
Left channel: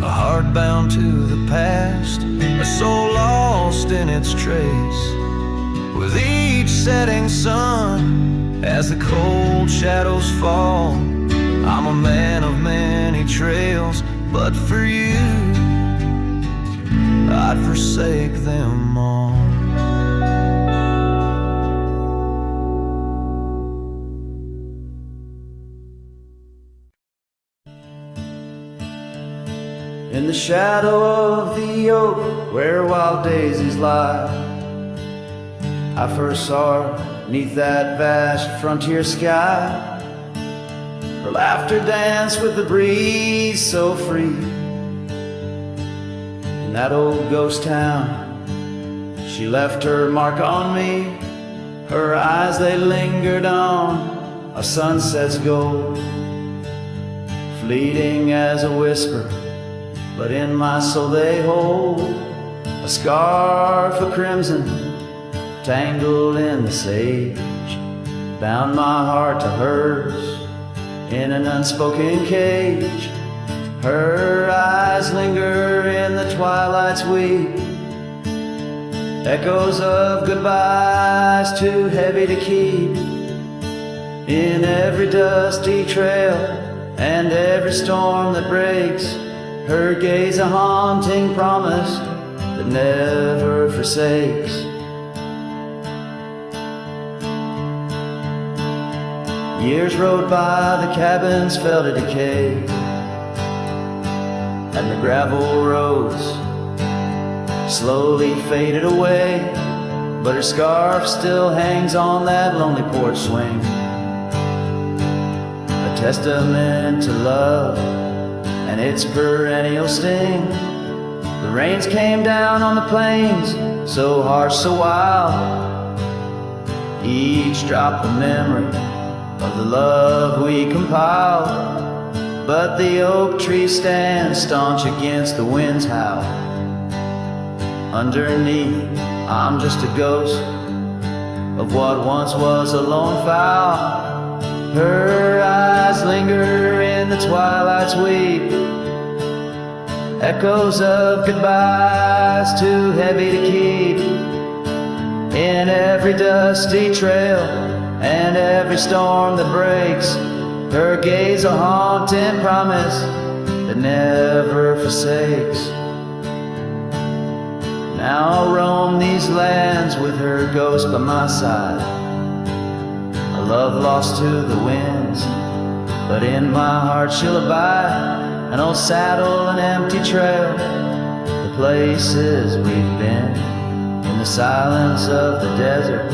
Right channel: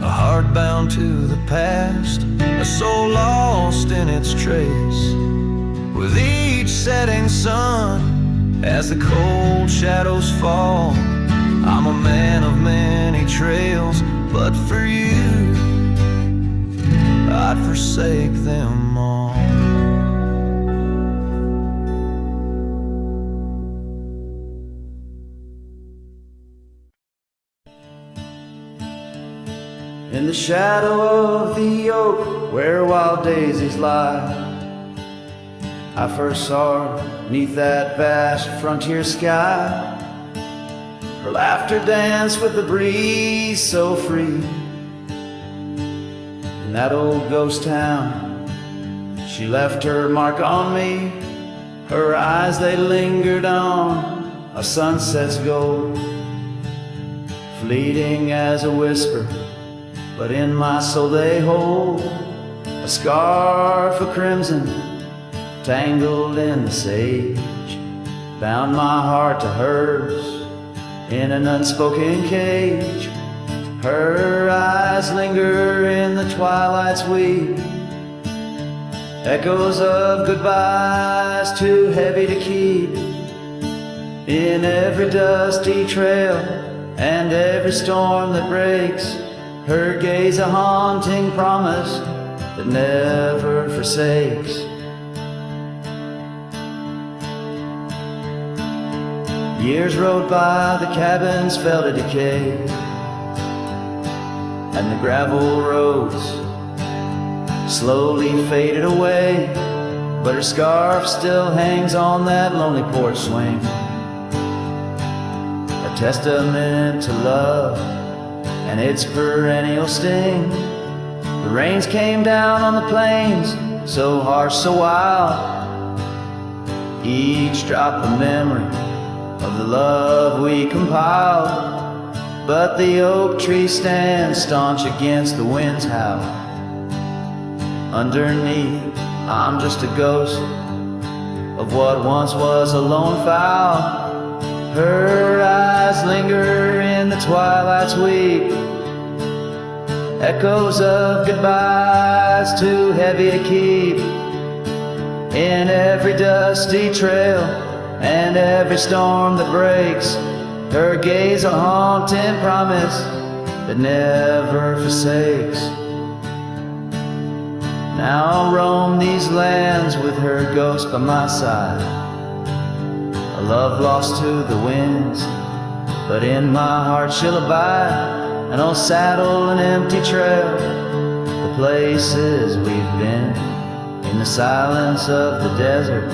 a heart bound to the past, a soul lost in its trace. With each setting sun, as the cold shadows fall, I'm a man of many trails, but for you, I'd forsake them all. In the shadow of the oak, where wild daisies lie, I first saw her 'neath that vast frontier sky. Her laughter danced with the breeze so free. In that old ghost town, she left her mark on me. Her eyes, they lingered on a sunset's gold, fleeting as a whisper, but in my soul they hold a scarf of crimson tangled in the sage, bound my heart to hers in an unspoken cage. Her eyes linger in the twilight's weep, echoes of goodbyes too heavy to keep. In every dusty trail and every storm that breaks, her gaze a haunting promise that never forsakes. Years rode by, the cabins fell to decay, and the gravel roads slowly faded away, but her scarf still hangs on that lonely porch swing, a testament to love and its perennial sting. The rains came down on the plains, so harsh, so wild, each drop a memory of the love we compiled. But the oak tree stands staunch against the wind's howl. Underneath, I'm just a ghost of what once was a lone fowl. Her eyes linger in the twilight's weep, echoes of goodbyes too heavy to keep. In every dusty trail and every storm that breaks, her gaze a haunting promise that never forsakes. Now I'll roam these lands with her ghost by my side, a love lost to the winds, but in my heart she'll abide. An old saddle, an empty trail, the places we've been, in the silence of the desert,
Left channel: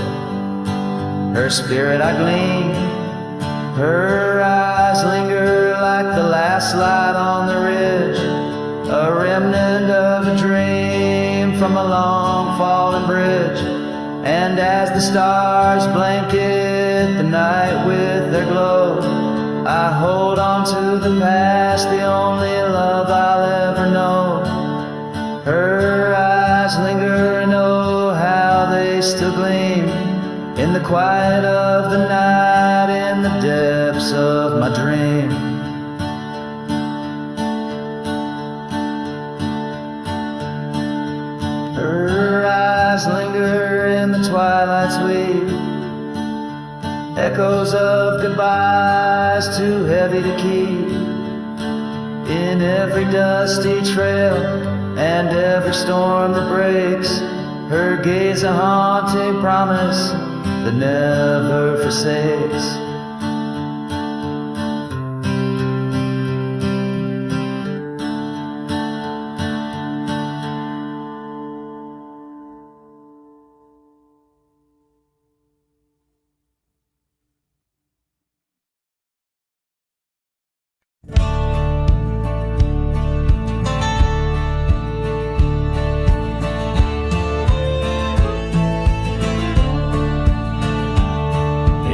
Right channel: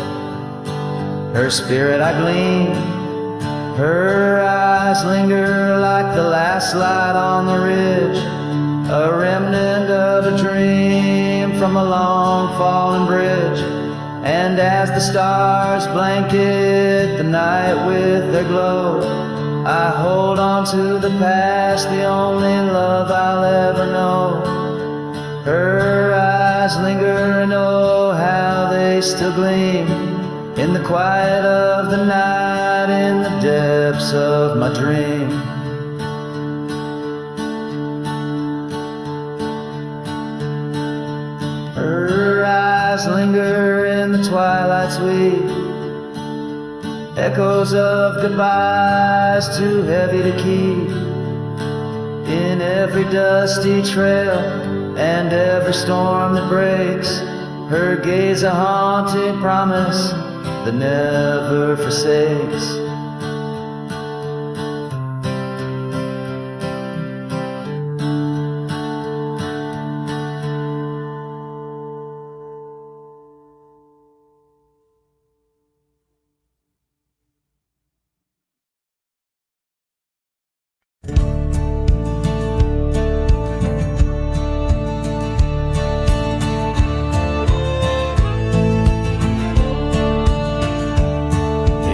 her spirit I glean. Her eyes linger like the last light on the ridge, a remnant of a dream from a long fallen bridge. And as the stars blanket the night with their glow, I hold on to the past, the only love I'll ever know. Her eyes linger and oh, how they still gleam in the quiet of the night, in the depths of my dream. Her eyes linger in the twilight's weave, echoes of goodbyes too heavy to keep. In every dusty trail and every storm that breaks, her gaze a haunting promise that never forsakes.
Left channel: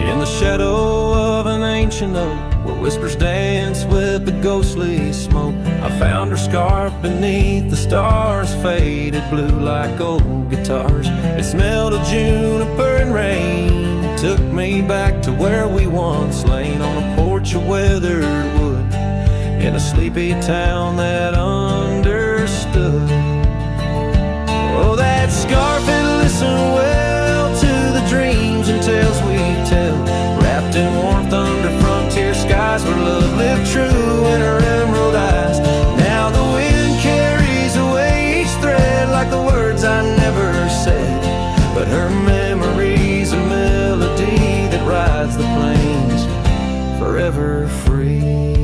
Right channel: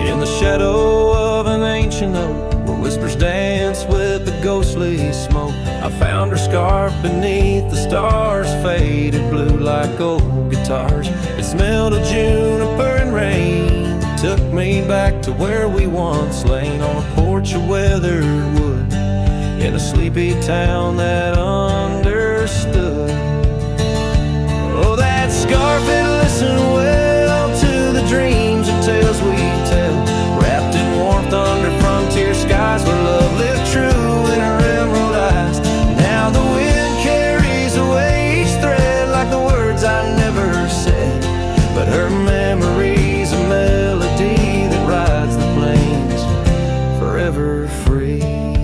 In the shadow of an ancient oak, where whispers dance with the ghostly smoke, I found her scarf beneath the stars, faded blue like old guitars. It smelled of juniper and rain, took me back to where we once lain, on a porch of weathered wood, in a sleepy town that understood. Oh, that scarf, it listened well to the dreams and tales we tell, wrapped in warmth under frontier skies, where love lived true in her emerald eyes. Now the wind carries away each thread like the words I never said, but her memory's a melody that rides the plains forever free.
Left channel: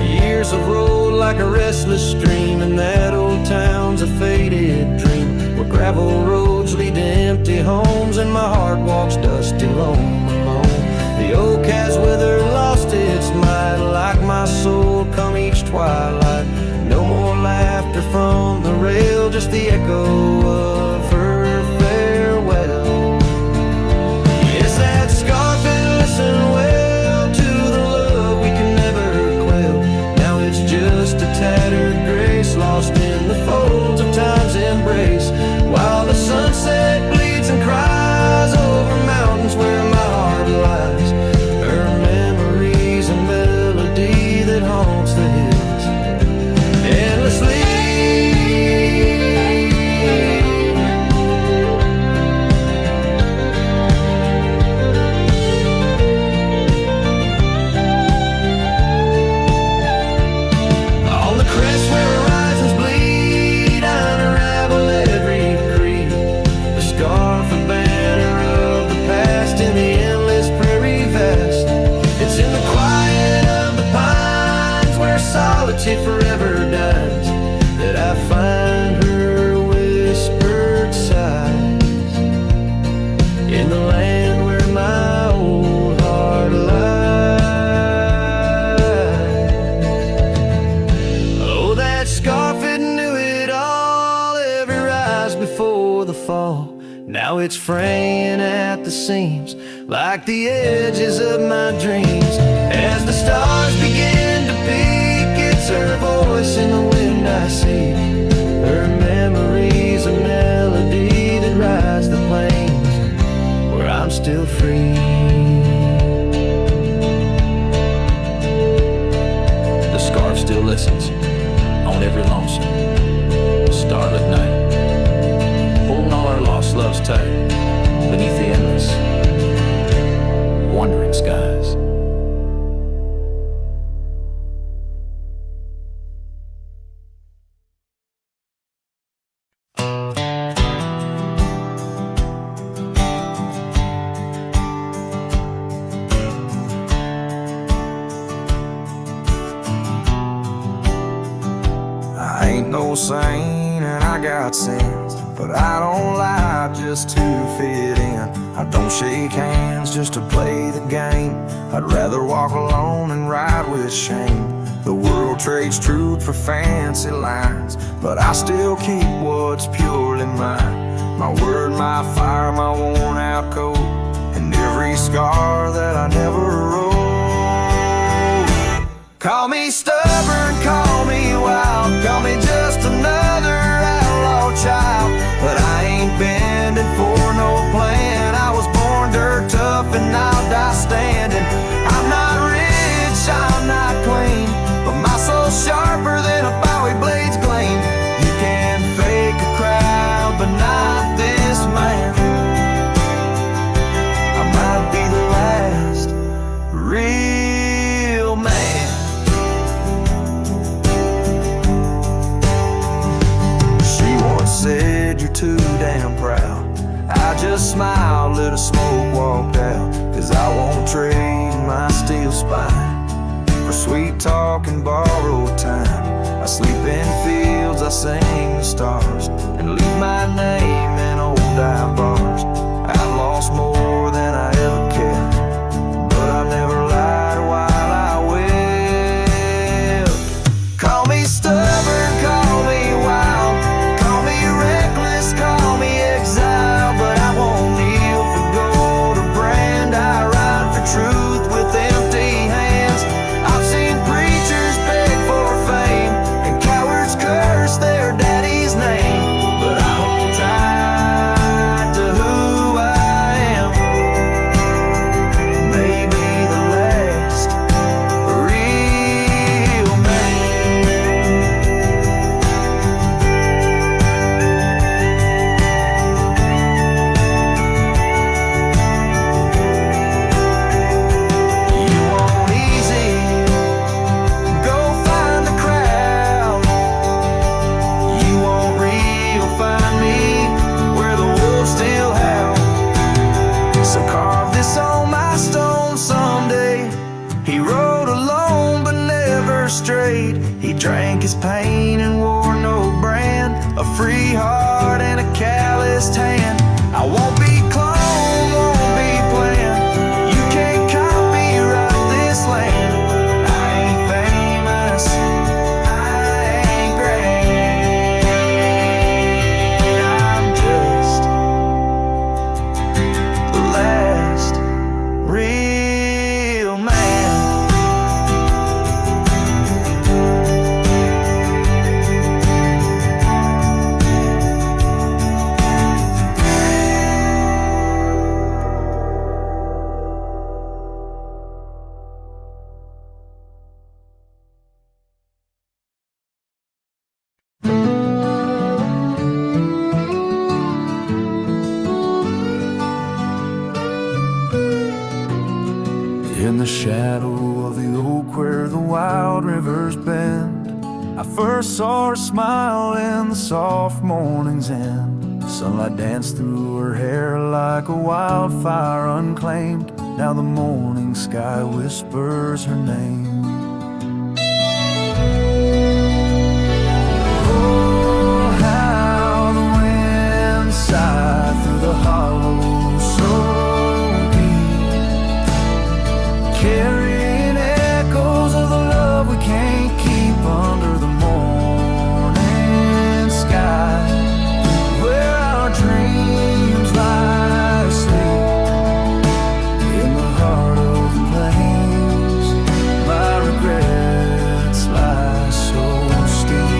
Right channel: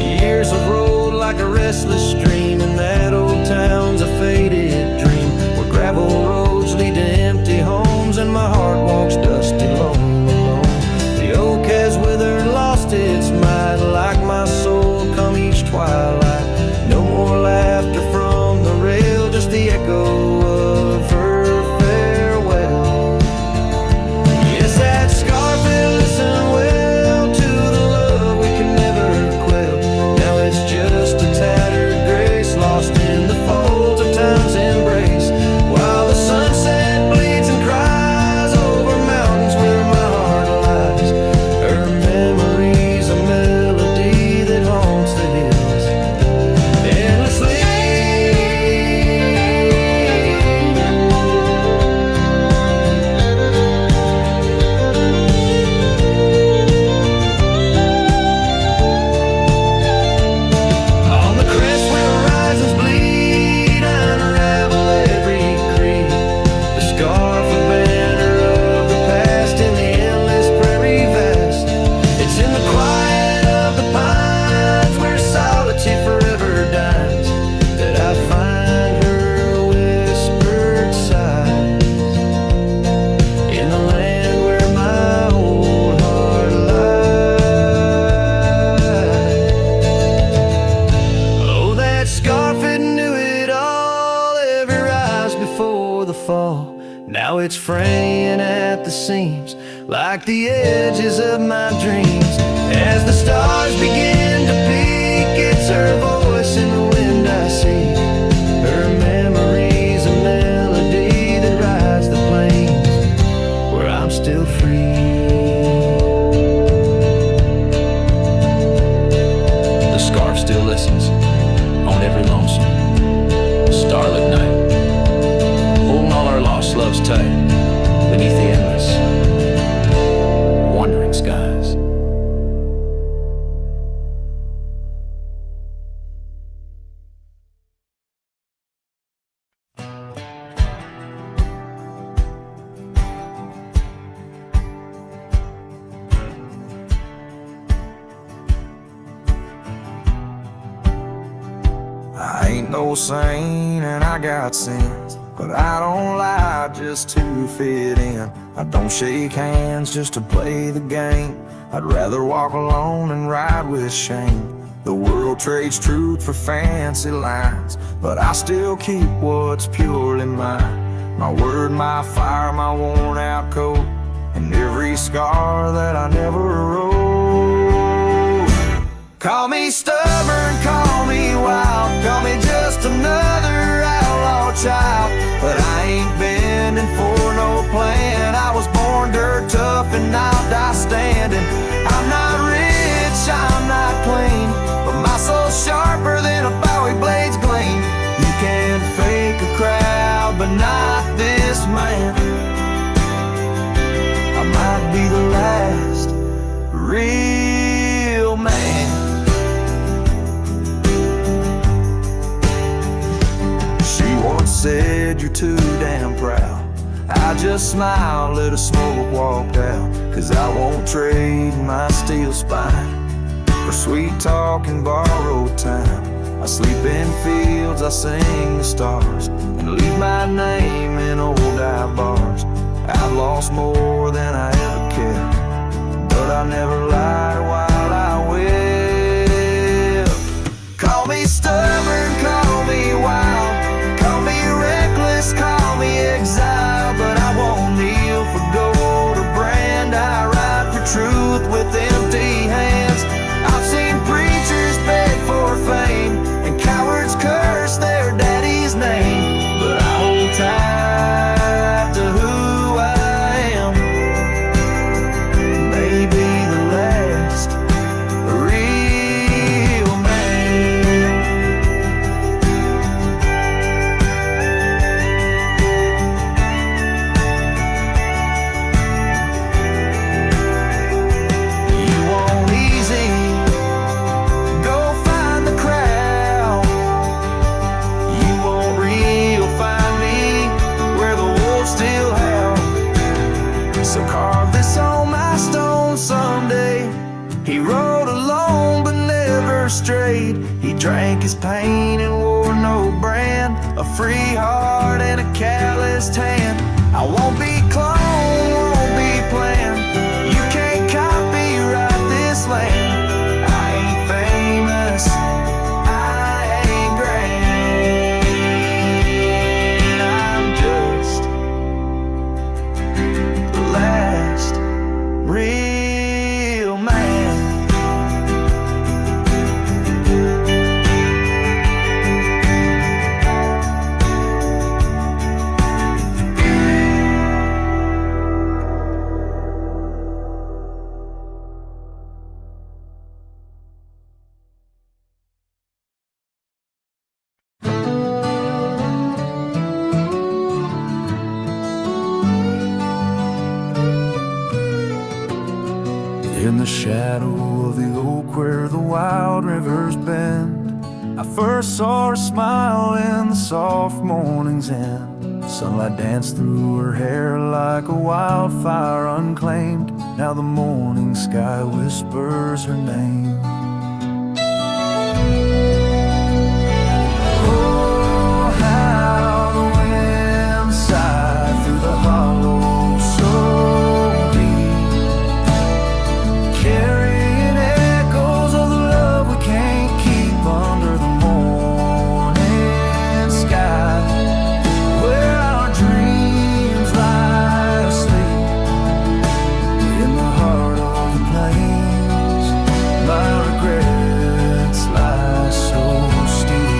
Years have rolled like a restless stream, and that old town's a faded dream, where gravel roads lead to empty homes, and my heart walks dusty lone alone. The oak has withered, lost its might, like my soul come each twilight. No more laughter from the rail, just the echo of her farewell. Yes, that scarf, it listened well to the love we can never quell. Now it's just a tattered grace, lost in the folds of time's embrace, while the sunset bleeds and cries over mountains where my heart lies. Her memory's a melody that haunts the hills endlessly. Scarf, a banner of the past in the endless prairie vast. It's in the quiet of the pines, where solitude forever dines, that I find her whispered sighs, in the land where my old heart lies. Oh, that scarf, it knew it all, every rise before the fall. Now it's fraying at the seams, like the edges of my dreams. As the stars begin to peak, it's her voice in the wind I see. Her memory's a melody that rides the plains where I'm still free. The scarf still listens on every lonesome starlit night, holding all our lost loves tight beneath the endless, wandering skies. I ain't no saint and I got sins, but I don't lie just to fit in. I don't shake hands just to play the game. I'd rather walk alone and ride with shame. The world trades truth for fancy lines, but I still keep what's purely mine. My word, my fire, my worn out coat, and every scar that I never wrote. Call me stubborn, call me wild, call me just another outlaw child, but I ain't bending for no plan. I was born dirt tough and I'll die standing. I'm not rich, I'm not clean, but my soul's sharper than a Bowie blade's gleam. You can fake a crowd, but not this man. I might be the last real man. She once said, you're too damn proud. I just smiled, lit a smoke, walked out, 'cause I won't trade my steel spine for sweet talk and borrowed time. I sleep in fields, I sing the stars, and leave my name in old dive bars. I've lost more than I ever kept, but I never lied while I wept. Call me stubborn, call me wild, call me reckless, call me exile, but I won't kneel for gold or brand. I ride for truth with empty hands. I've seen preachers beg for fame and cowards curse their daddy's name, but I hold tight to who I am. Maybe the last real man. You want easy? Go find the crowd. You want real? Find me where the wolves still howl. So carve this on my stone someday. He rode alone but never strayed. He drank his pain and wore no brand. A free heart and a calloused hand. I won't be cloned, won't be planned. You can't copyright this land. I ain't famous, I ain't grand. I'm just the last real man. In the shadow of the oak where the wild rivers bend, I first saw her smile in the soft morning's end. Sunlight danced through her hair like a wildfire unclaimed. Now the morning sky whispers her name. Oh, how the wind sighed through the hollow so deep, carrying echoes of the love we can't keep under the morning sky, where our dreams lie asleep in the heart of the plains. My regrets lie so steep.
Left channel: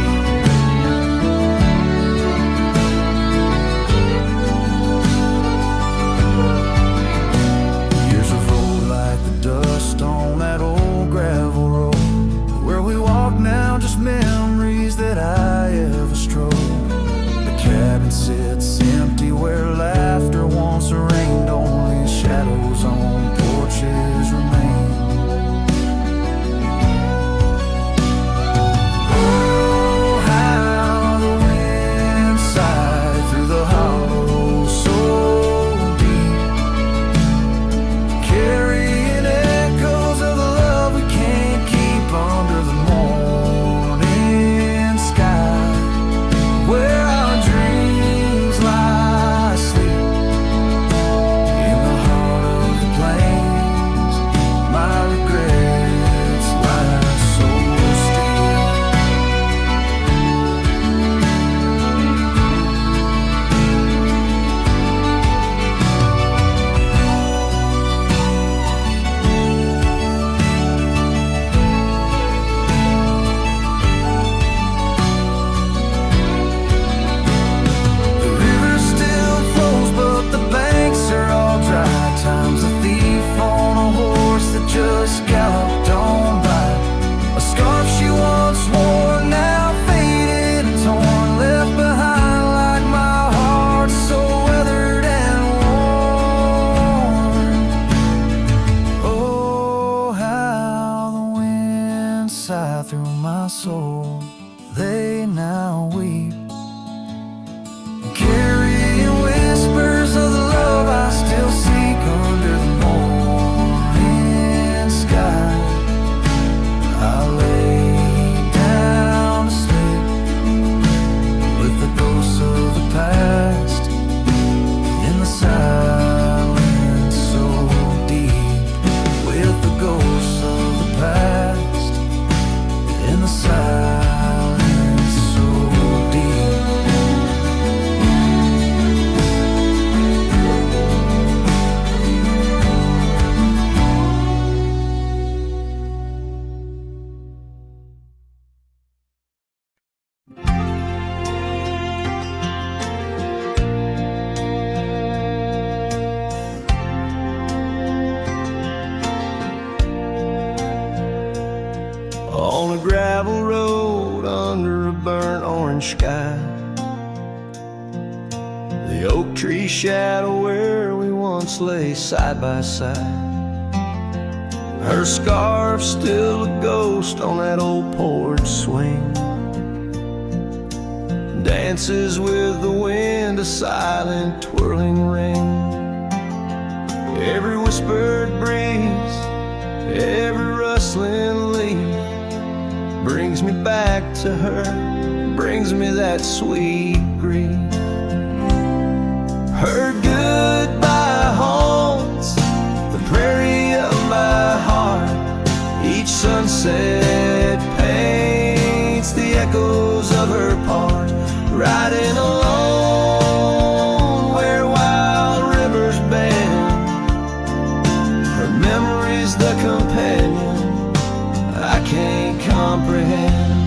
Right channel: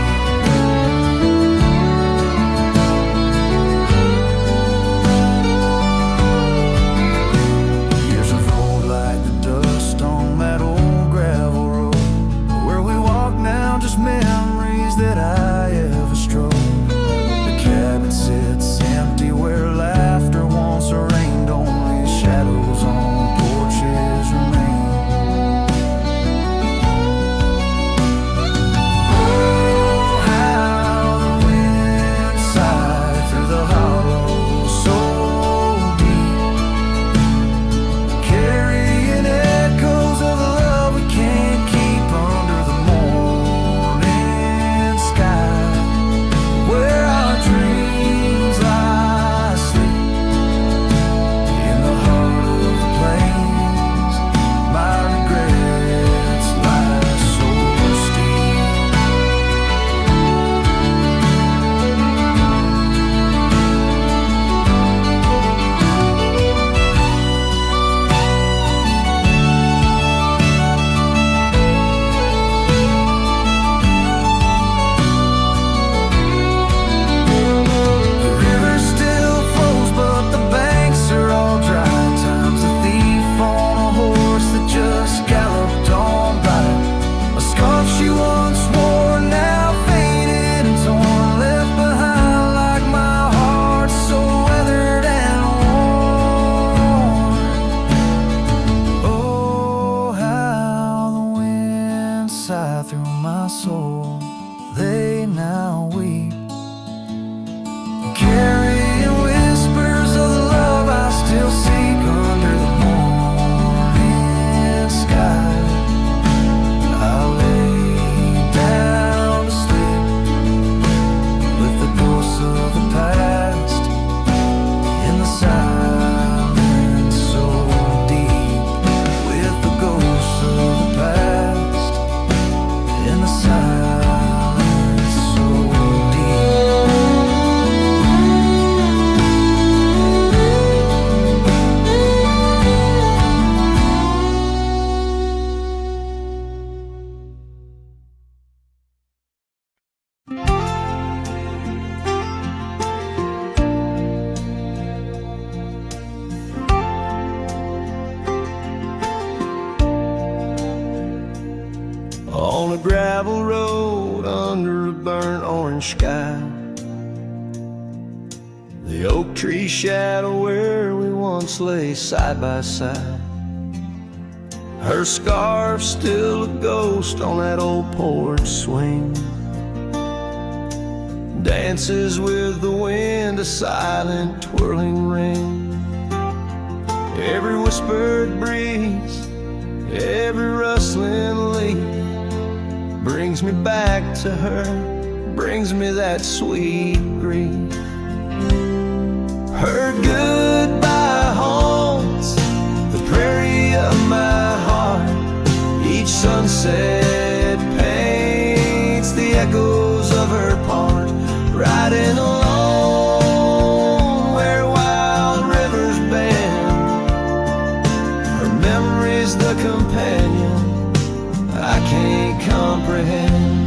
sits empty where laughter once reigned. Only shadows on porches remain. Oh, how the wind sighed through the hollow so deep, carrying echoes of the love we can't keep under the morning sky, where our dreams lie asleep in the heart of the plains. My regrets lie so steep. Still flows, but the banks are all dry. Time's a thief on a horse that just galloped on by. A scarf she once wore, now faded and torn, left behind like my heart, so weathered and worn. Oh, how the wind sighed through my soul. They now weep, carrying whispers of the love I still seek under the morning sky. I lay down to sleep with the ghosts of the past in the silence so deep, with the ghosts of the past in the silence so deep. On a gravel road under a burnt orange sky, the oak tree shadow where we once lay side by side. Her scarf still a ghost on that old porch swing, dances with the wind, a silent twirling ring. Every whispered breeze, every rustling leaf brings me back to her, brings me that sweet grief. Her goodbye haunts the prairie of my heart. Each sunset paints the echoes of her part. Riding alone where wild rivers bend, her memory's the companion I can't comprehend.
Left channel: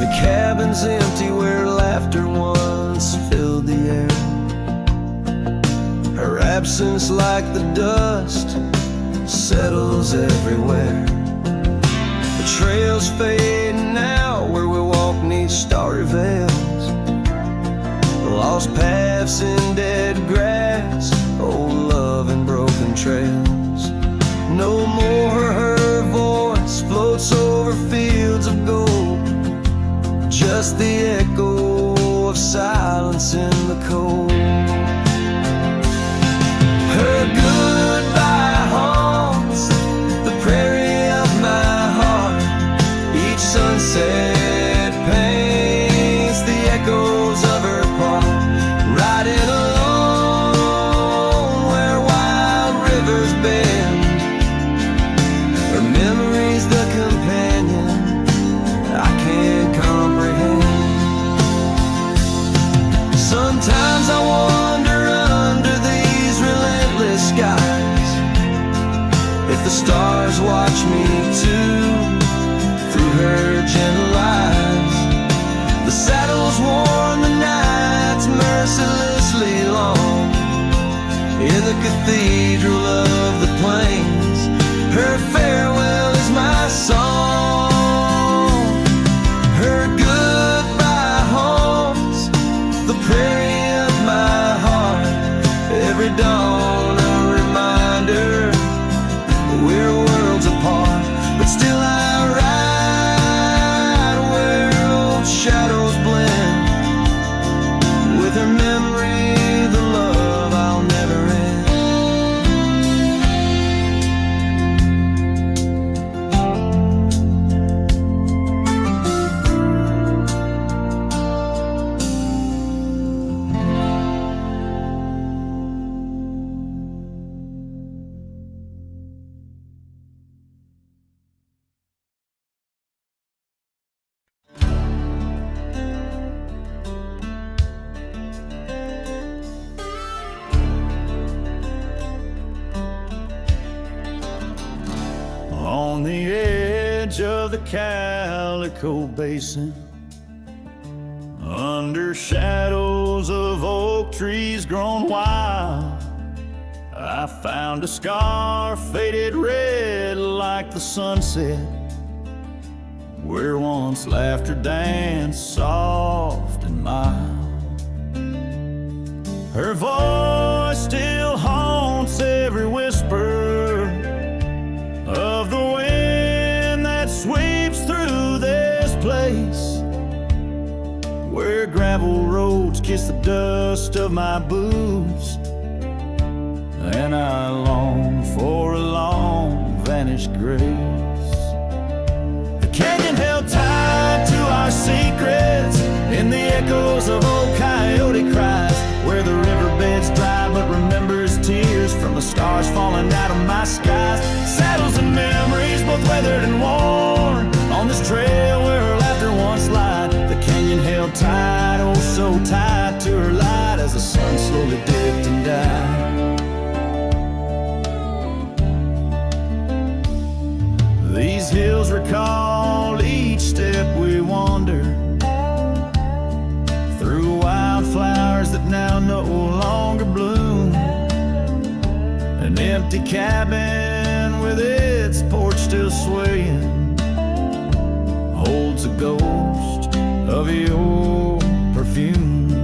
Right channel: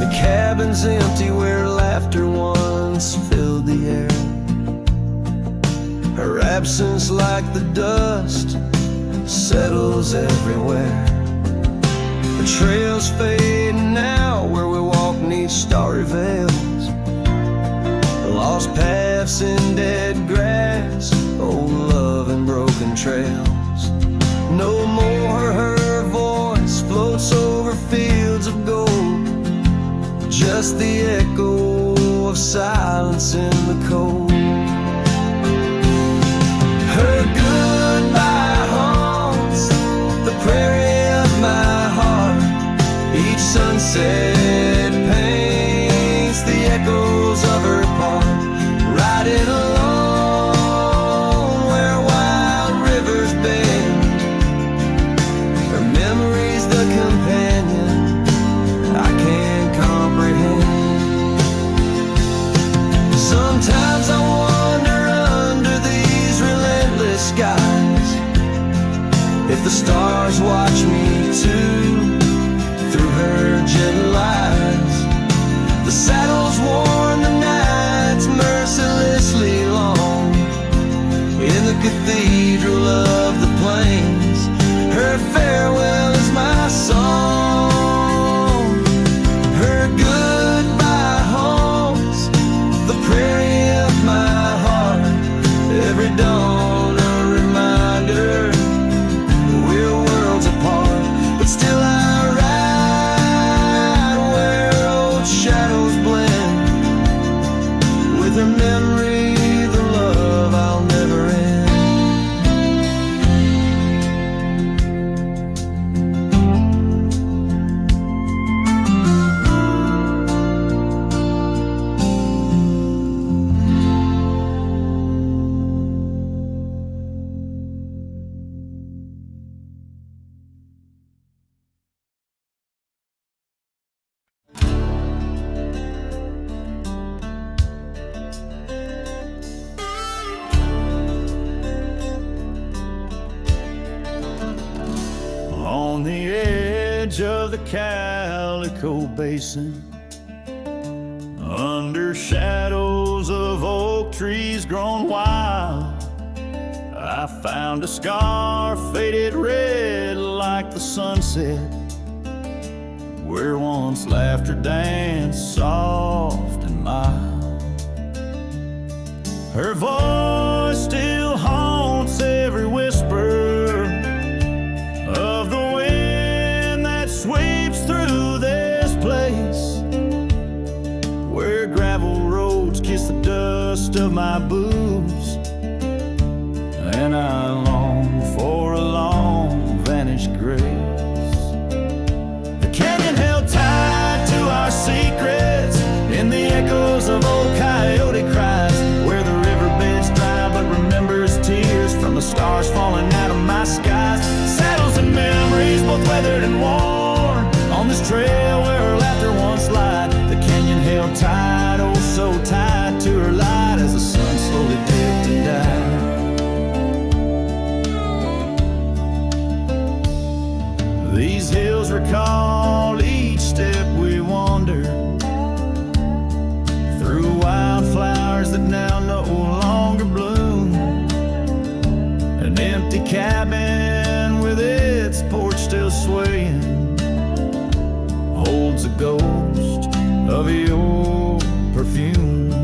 The cabin's empty where laughter once filled the air. Her absence like the dust settles everywhere. The trails fade now where we walk neath starry veils, lost paths in dead grass, old love and broken trails. No more her voice floats over fields of gold, just the echo of silence in the cold. Her goodbye haunts the prairie of my heart. Each sunset paints the echoes of her part. Riding alone where wild rivers bend, her memory's the companion I can't comprehend. Sometimes I wonder under these relentless skies if the stars watch me too through her gentle eyes. The saddle's worn, the night's mercilessly long. In the cathedral of the plains, her farewell is my song. with her memory, the love I'll never end. On the edge of the Calico Basin, under shadows of oak trees grown wild, I found a scar faded red like the sunset, where once laughter danced soft and mild. Her voice still haunts every whisper of the wind that sweeps through this place, where gravel roads kiss the dust of my boots, and I long for a long vanished grace. The canyon held tight to our secrets in the echoes of old coyote cries, where the riverbed's dry but remembers tears from the stars falling out of my skies. Saddles and memories, both weathered and worn, on this trail where her laughter once lied. The canyon held tight, oh so tight to her light, as the sun slowly dipped and died. These hills recall each step we wandered, through wildflowers that now no longer bloom. An empty cabin with its porch still swaying holds a ghost of your perfume.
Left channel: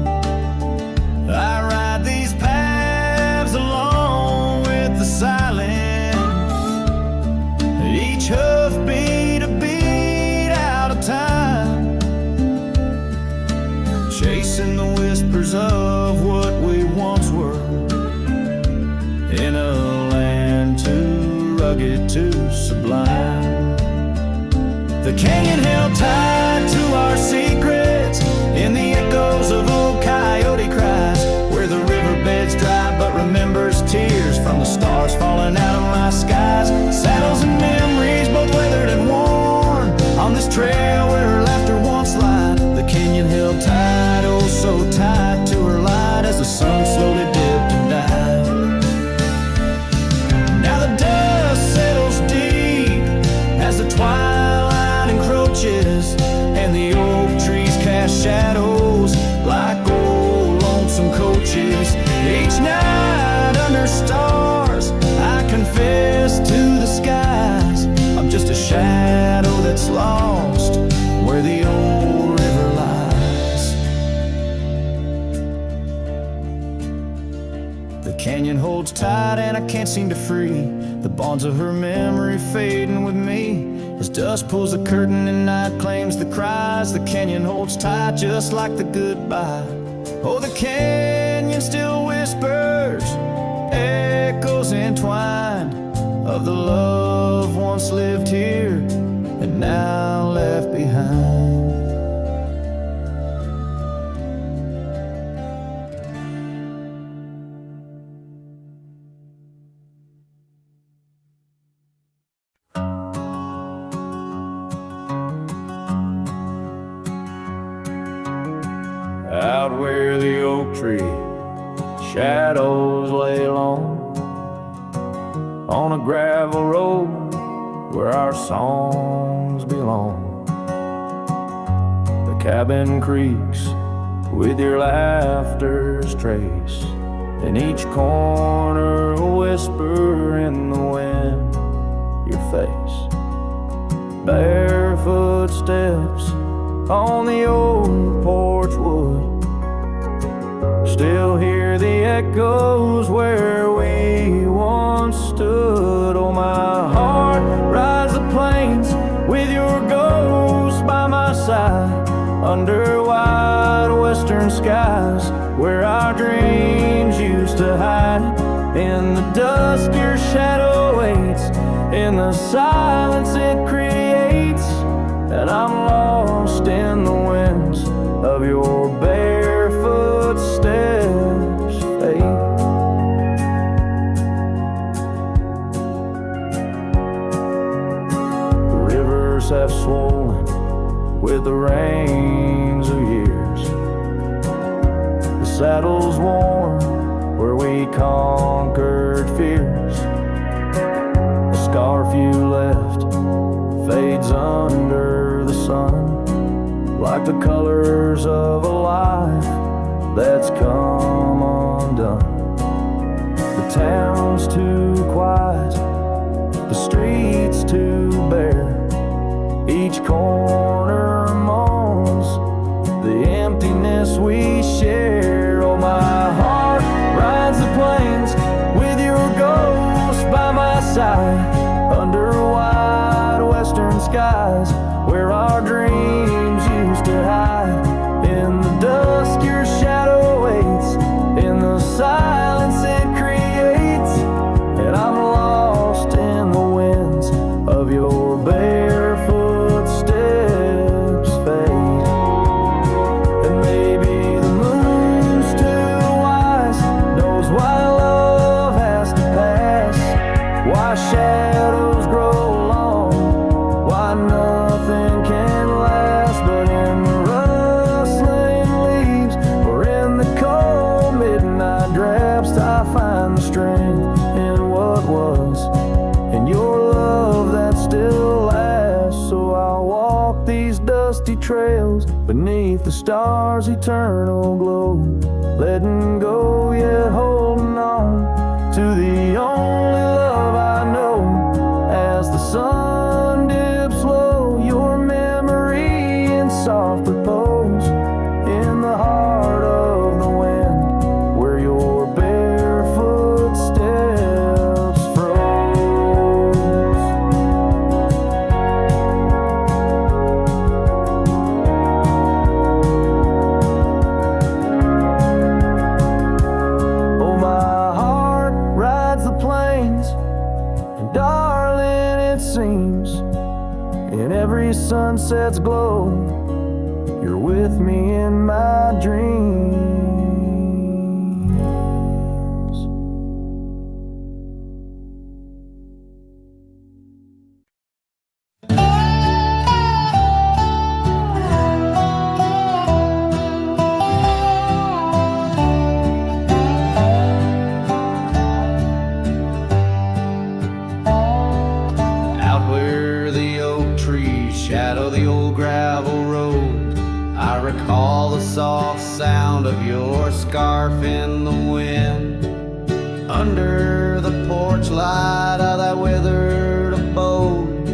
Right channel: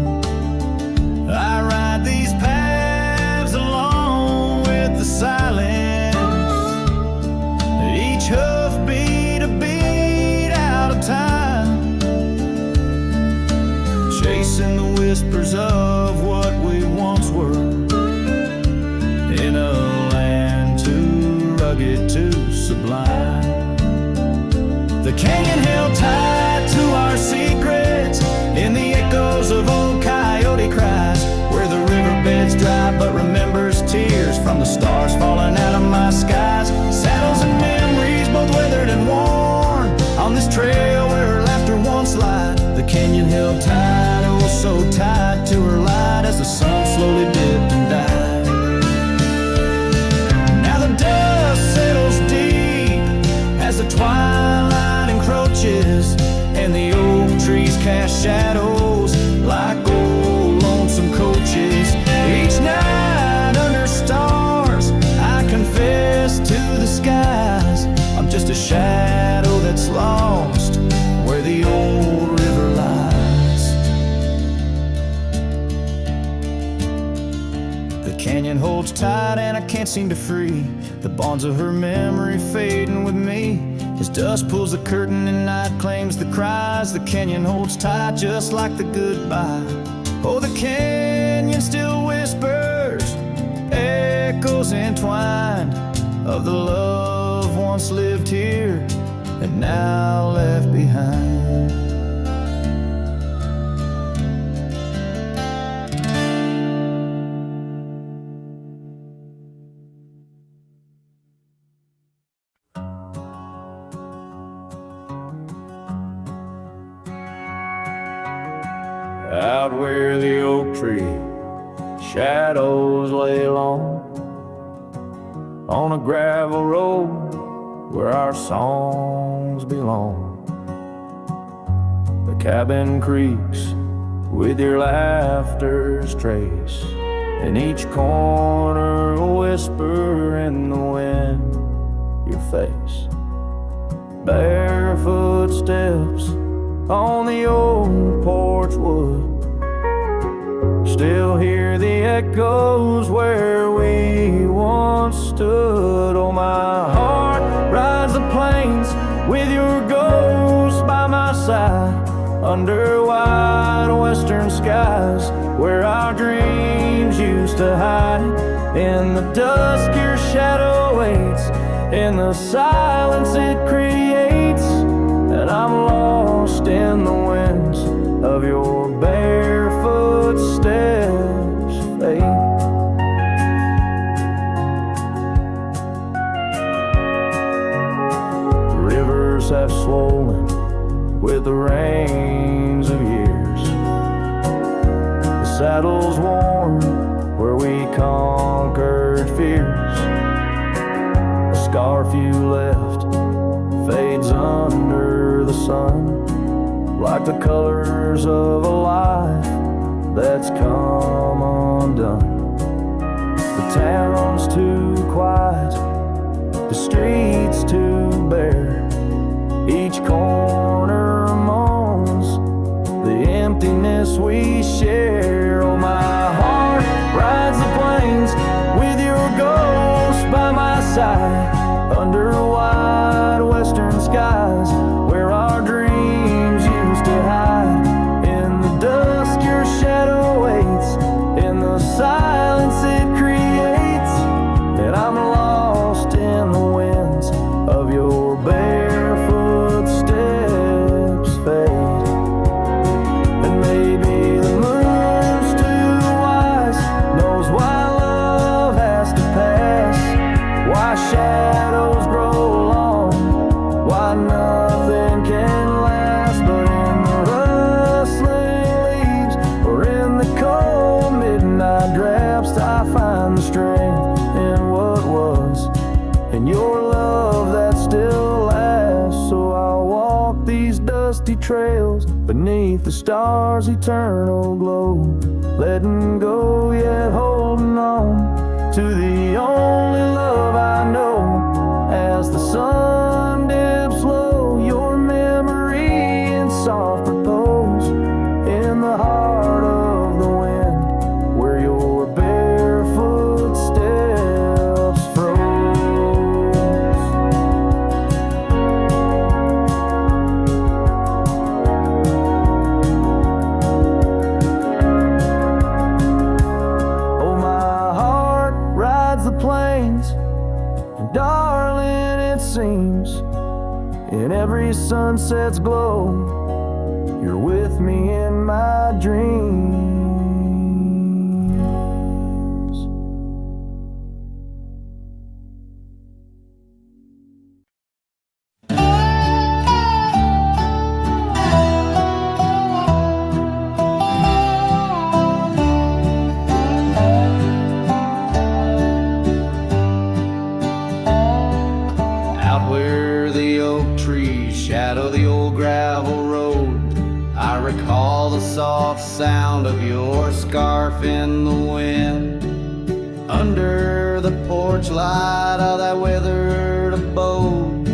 I ride these paths along with the silence, each hoofbeat a beat out of time, chasing the whispers of what we once were, in a land too rugged, too sublime. The canyon held tight to our secrets in the echoes of old coyote cries, where the riverbed's dry but remembers tears from the stars falling out of my skies. Saddles and memories, both weathered and worn, on this trail where her laughter once lied. The canyon held tight, oh so tight to her light, as the sun slowly dipped and died. Now the dust settles deep as the twilight encroaches, and the oak trees cast shadows like old lonesome coaches. Each night under stars I confess to the skies, I'm just a shadow that's lost where the old river lies. The canyon holds tight and I can't seem to free the bonds of her memory fading with me. As dusk pulls the curtain and night claims the cries, the canyon holds tight just like the goodbye. Oh, the canyon still whispers, echoes entwined, of the love once lived here and now left behind. Out where the oak tree shadows lay long, on a gravel road where our songs belong. The cabin creaks with your laughter's trace, in each corner a whisper in the wind, your face. Barefoot steps on the old porch wood, still hear the echoes where we once stood. Oh, my heart rides the plains with your ghost by my side, under wide awake western skies, where our dreams used to hide. In the dusk your shadow waits, in the silence it creates, and I'm lost in the winds of your barefoot steps, fate. The rivers have swollen with the rains of years, the saddle's worn where we conquered fears. The scarf you left fades under the sun, like the colors of a life that's come undone. The town's too quiet, the streets too bare, each corner moans the emptiness we share. Oh, my heart rides the plains with your ghost by my side, under wide western skies, where our dreams used to hide. In the dusk your shadow waits, in the silence it creates, and I'm lost in the winds of your barefoot steps, fade. And maybe the moon's too wise, knows why love has to pass, why shadows grow long, why nothing can last. But in the rustling leaves, or in the cold midnight drafts, I find the strength in what was, in your love that still lasts. So I'll walk these dusty trails beneath the stars' eternal glow, letting go yet holding on to the only love I know. As the sun dips low, your memory in soft repose, in the heart of the wind, where your barefoot steps froze. Oh, my heart rides the plains, and darling, it seems in every sunset's glow, you're with me in my dreams. Shadow the old gravel road, I recall the soft sound of your scarf in the wind. Under the porch light of that withered abode,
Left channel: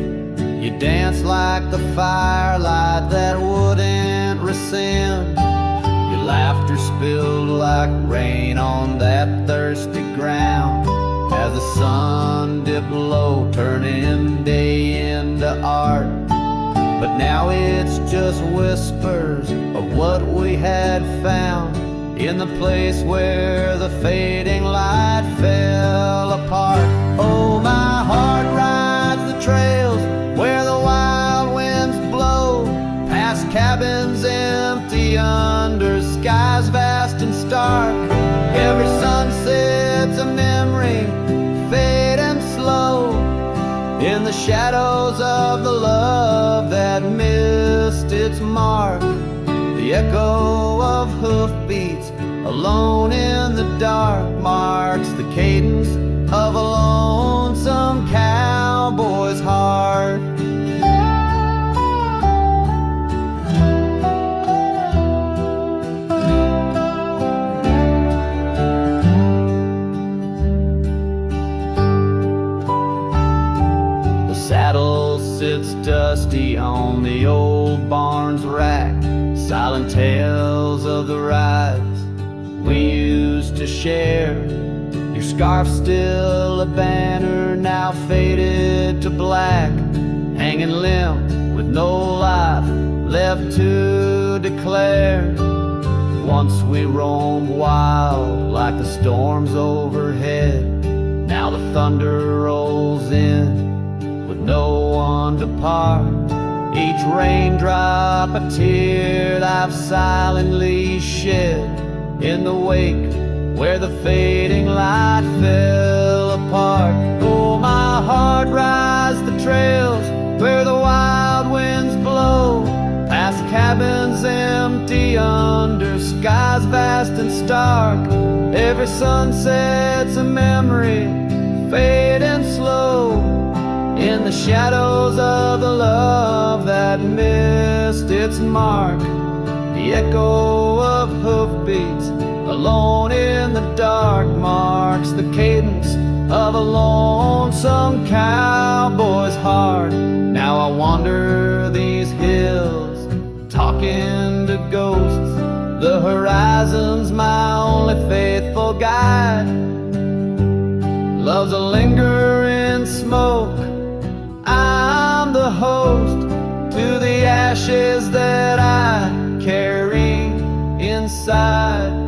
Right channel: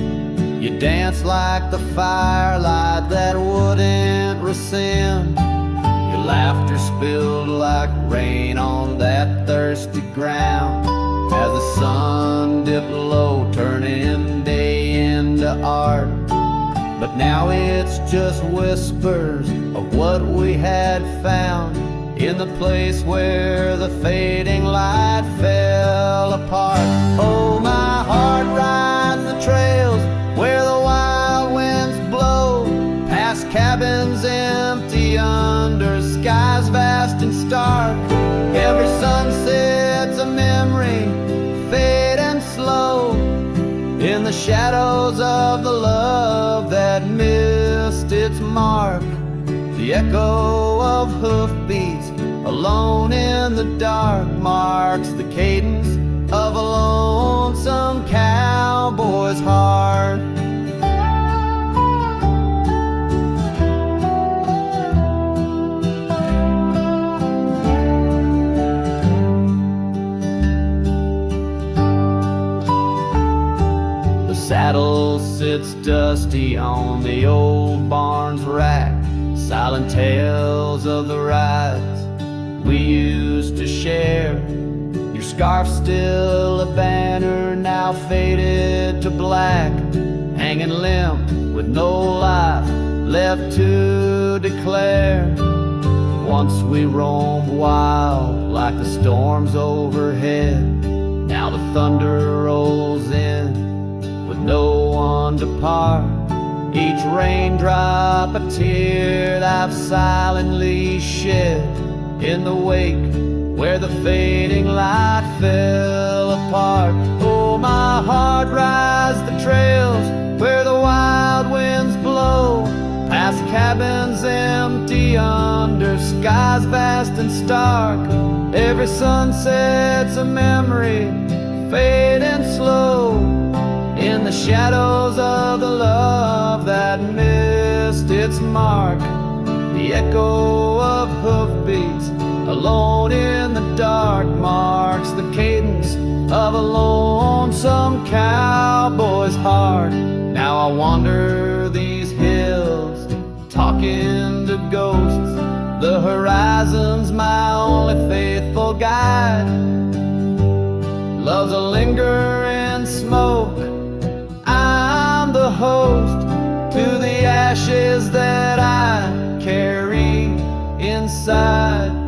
you danced like the firelight that wouldn't rescind. Your laughter spilled like rain on that thirsty ground, as the sun dipped low, turning day into art. But now it's just whispers of what we had found, in the place where the fading light fell apart. Oh, my heart rides the trails where the wild winds blow, past cabins empty under skies vast and stark. Every sunset's a memory, fading slow, in the shadows of the love that missed its mark. The echo of hoofbeats alone in the dark marks the cadence of a lonesome cowboy's heart. The saddle sits dusty on the old barn's rack, silent tales of the rides we used to share. Your scarf still a banner, now faded to black, hanging limp with no life left to declare. Once we roamed wild like the storms overhead. Now the thunder rolls in with no one to part. Each raindrop a tear that I've silently shed in the wake where the fading light fell apart. Oh, my heart rides the trails where the wild winds blow, past cabins empty under skies vast and stark. Every sunset's a memory, fading slow, in the shadows of the love that missed its mark. The echo of hoofbeats alone in the dark marks the cadence of a lonesome cowboy's heart. Now I wander these hills, talking to ghosts. The horizon's my only faithful guide. Love's a lingering smoke. I'm the host to the ashes that I carry inside.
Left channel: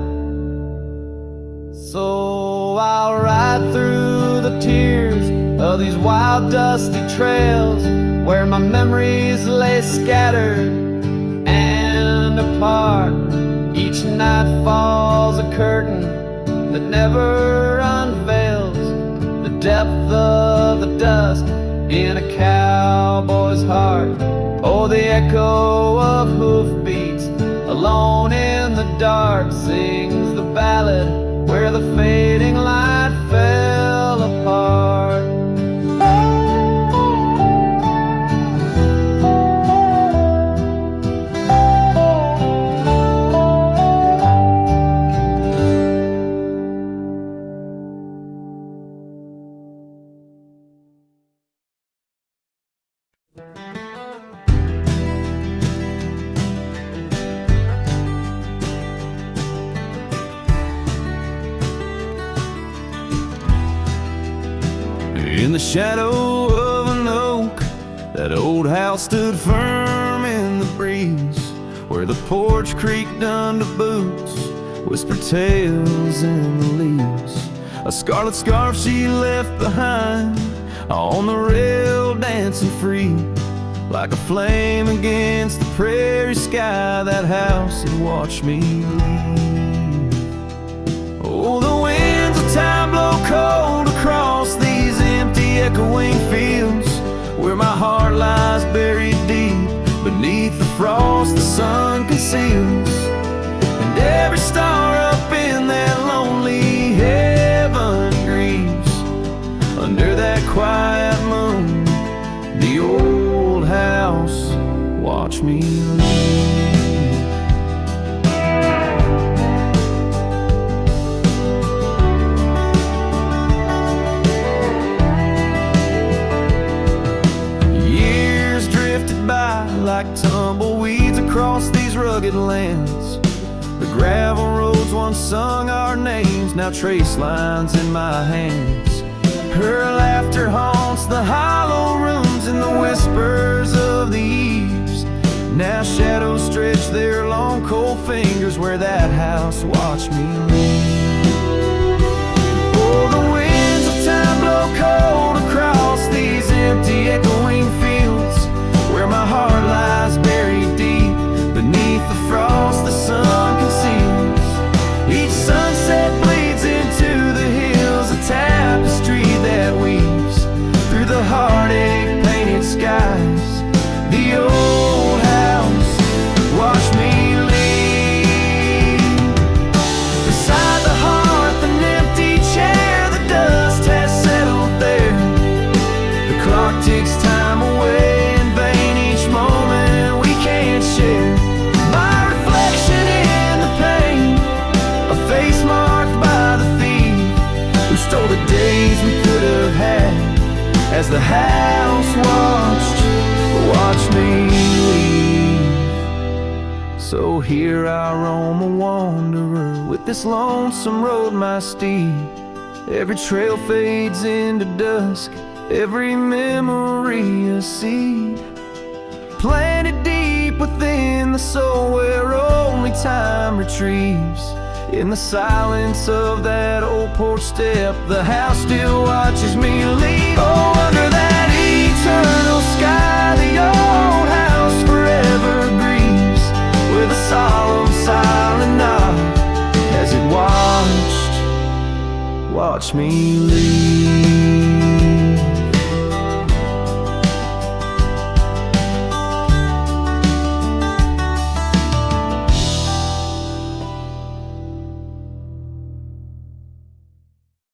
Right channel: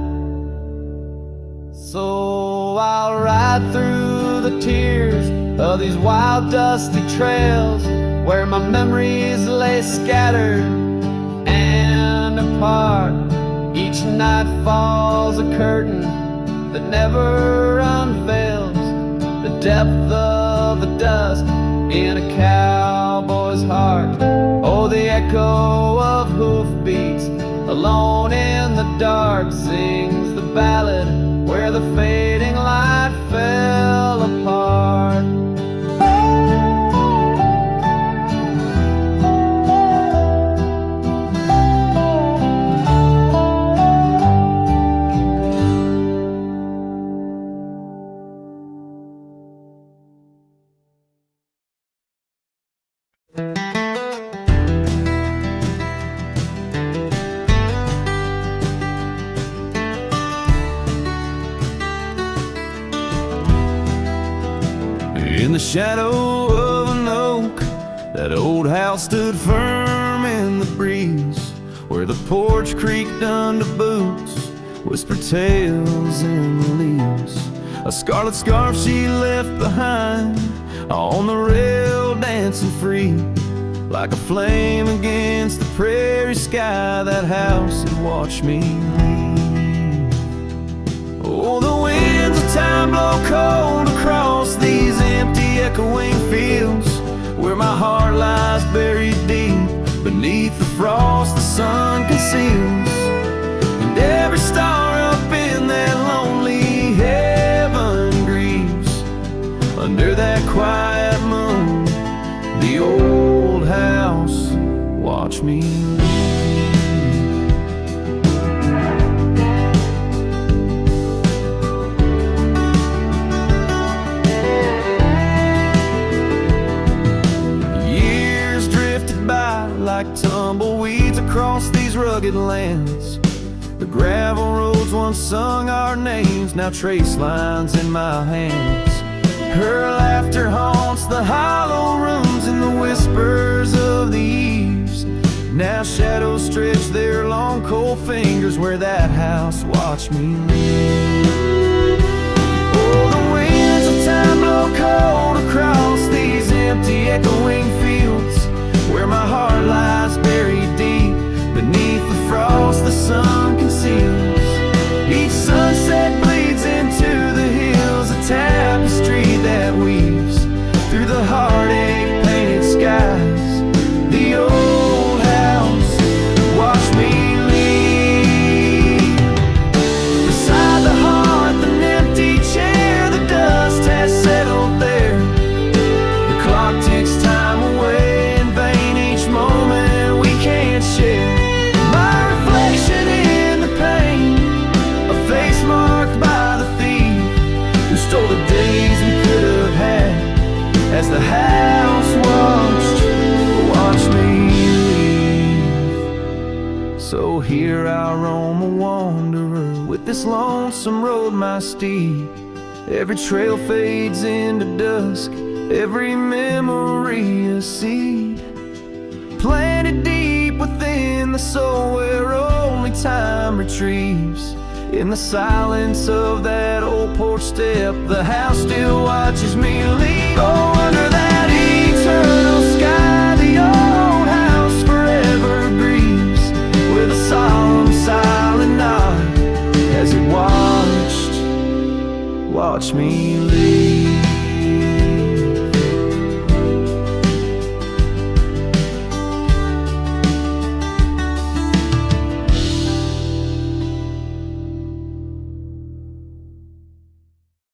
So I'll ride through the tears of these wild dusty trails where my memories lay scattered and apart. Each night falls a curtain that never unveils the depth of the dust in a cowboy's heart. Oh, the echo of hoofbeats alone in the dark sings the ballad where the fading light fell apart. In the shadow of an oak, that old house stood firm in the breeze, where the porch creaked under boots, whispered tales in the leaves. A scarlet scarf she left behind on the rail, dancing free, like a flame against the prairie sky. That house had watched me leave. Oh, the winds of time blow cold across these empty echoing fields, where my heart lies buried deep beneath the frost the sun conceals. And every star up in that lonely heaven grieves under that quiet moon. The old house watched me leave. By like tumbleweeds across these rugged lands. The gravel roads once sung our names, now trace lines in my hands. Her laughter haunts the hollow rooms and the whispers of the eaves. Now shadows stretch their long cold fingers where that house watched me leave. Oh, the winds of time blow cold across these empty echoing fields, where my heart lies buried deep beneath the frost the sun conceals. Each sunset bleeds into the hills, a tapestry that weaves through the heartache painted skies. The old house watched me leave. Beside the hearth, an empty chair, the dust has settled there. The clock ticks time away, moment we can't share. My reflection in the pain, a face marked by the thief who stole the days we could have had as the house watched me leave. So here I roam a wanderer with this lonesome road my steed. Every trail fades into dusk, every memory a seed planted deep within the soul where only time retrieves. In the silence of that old porch step, the house still watches me leave. Oh, under that eternal sky, the old house forever grieves with a solemn, silent nod as it watched me leave.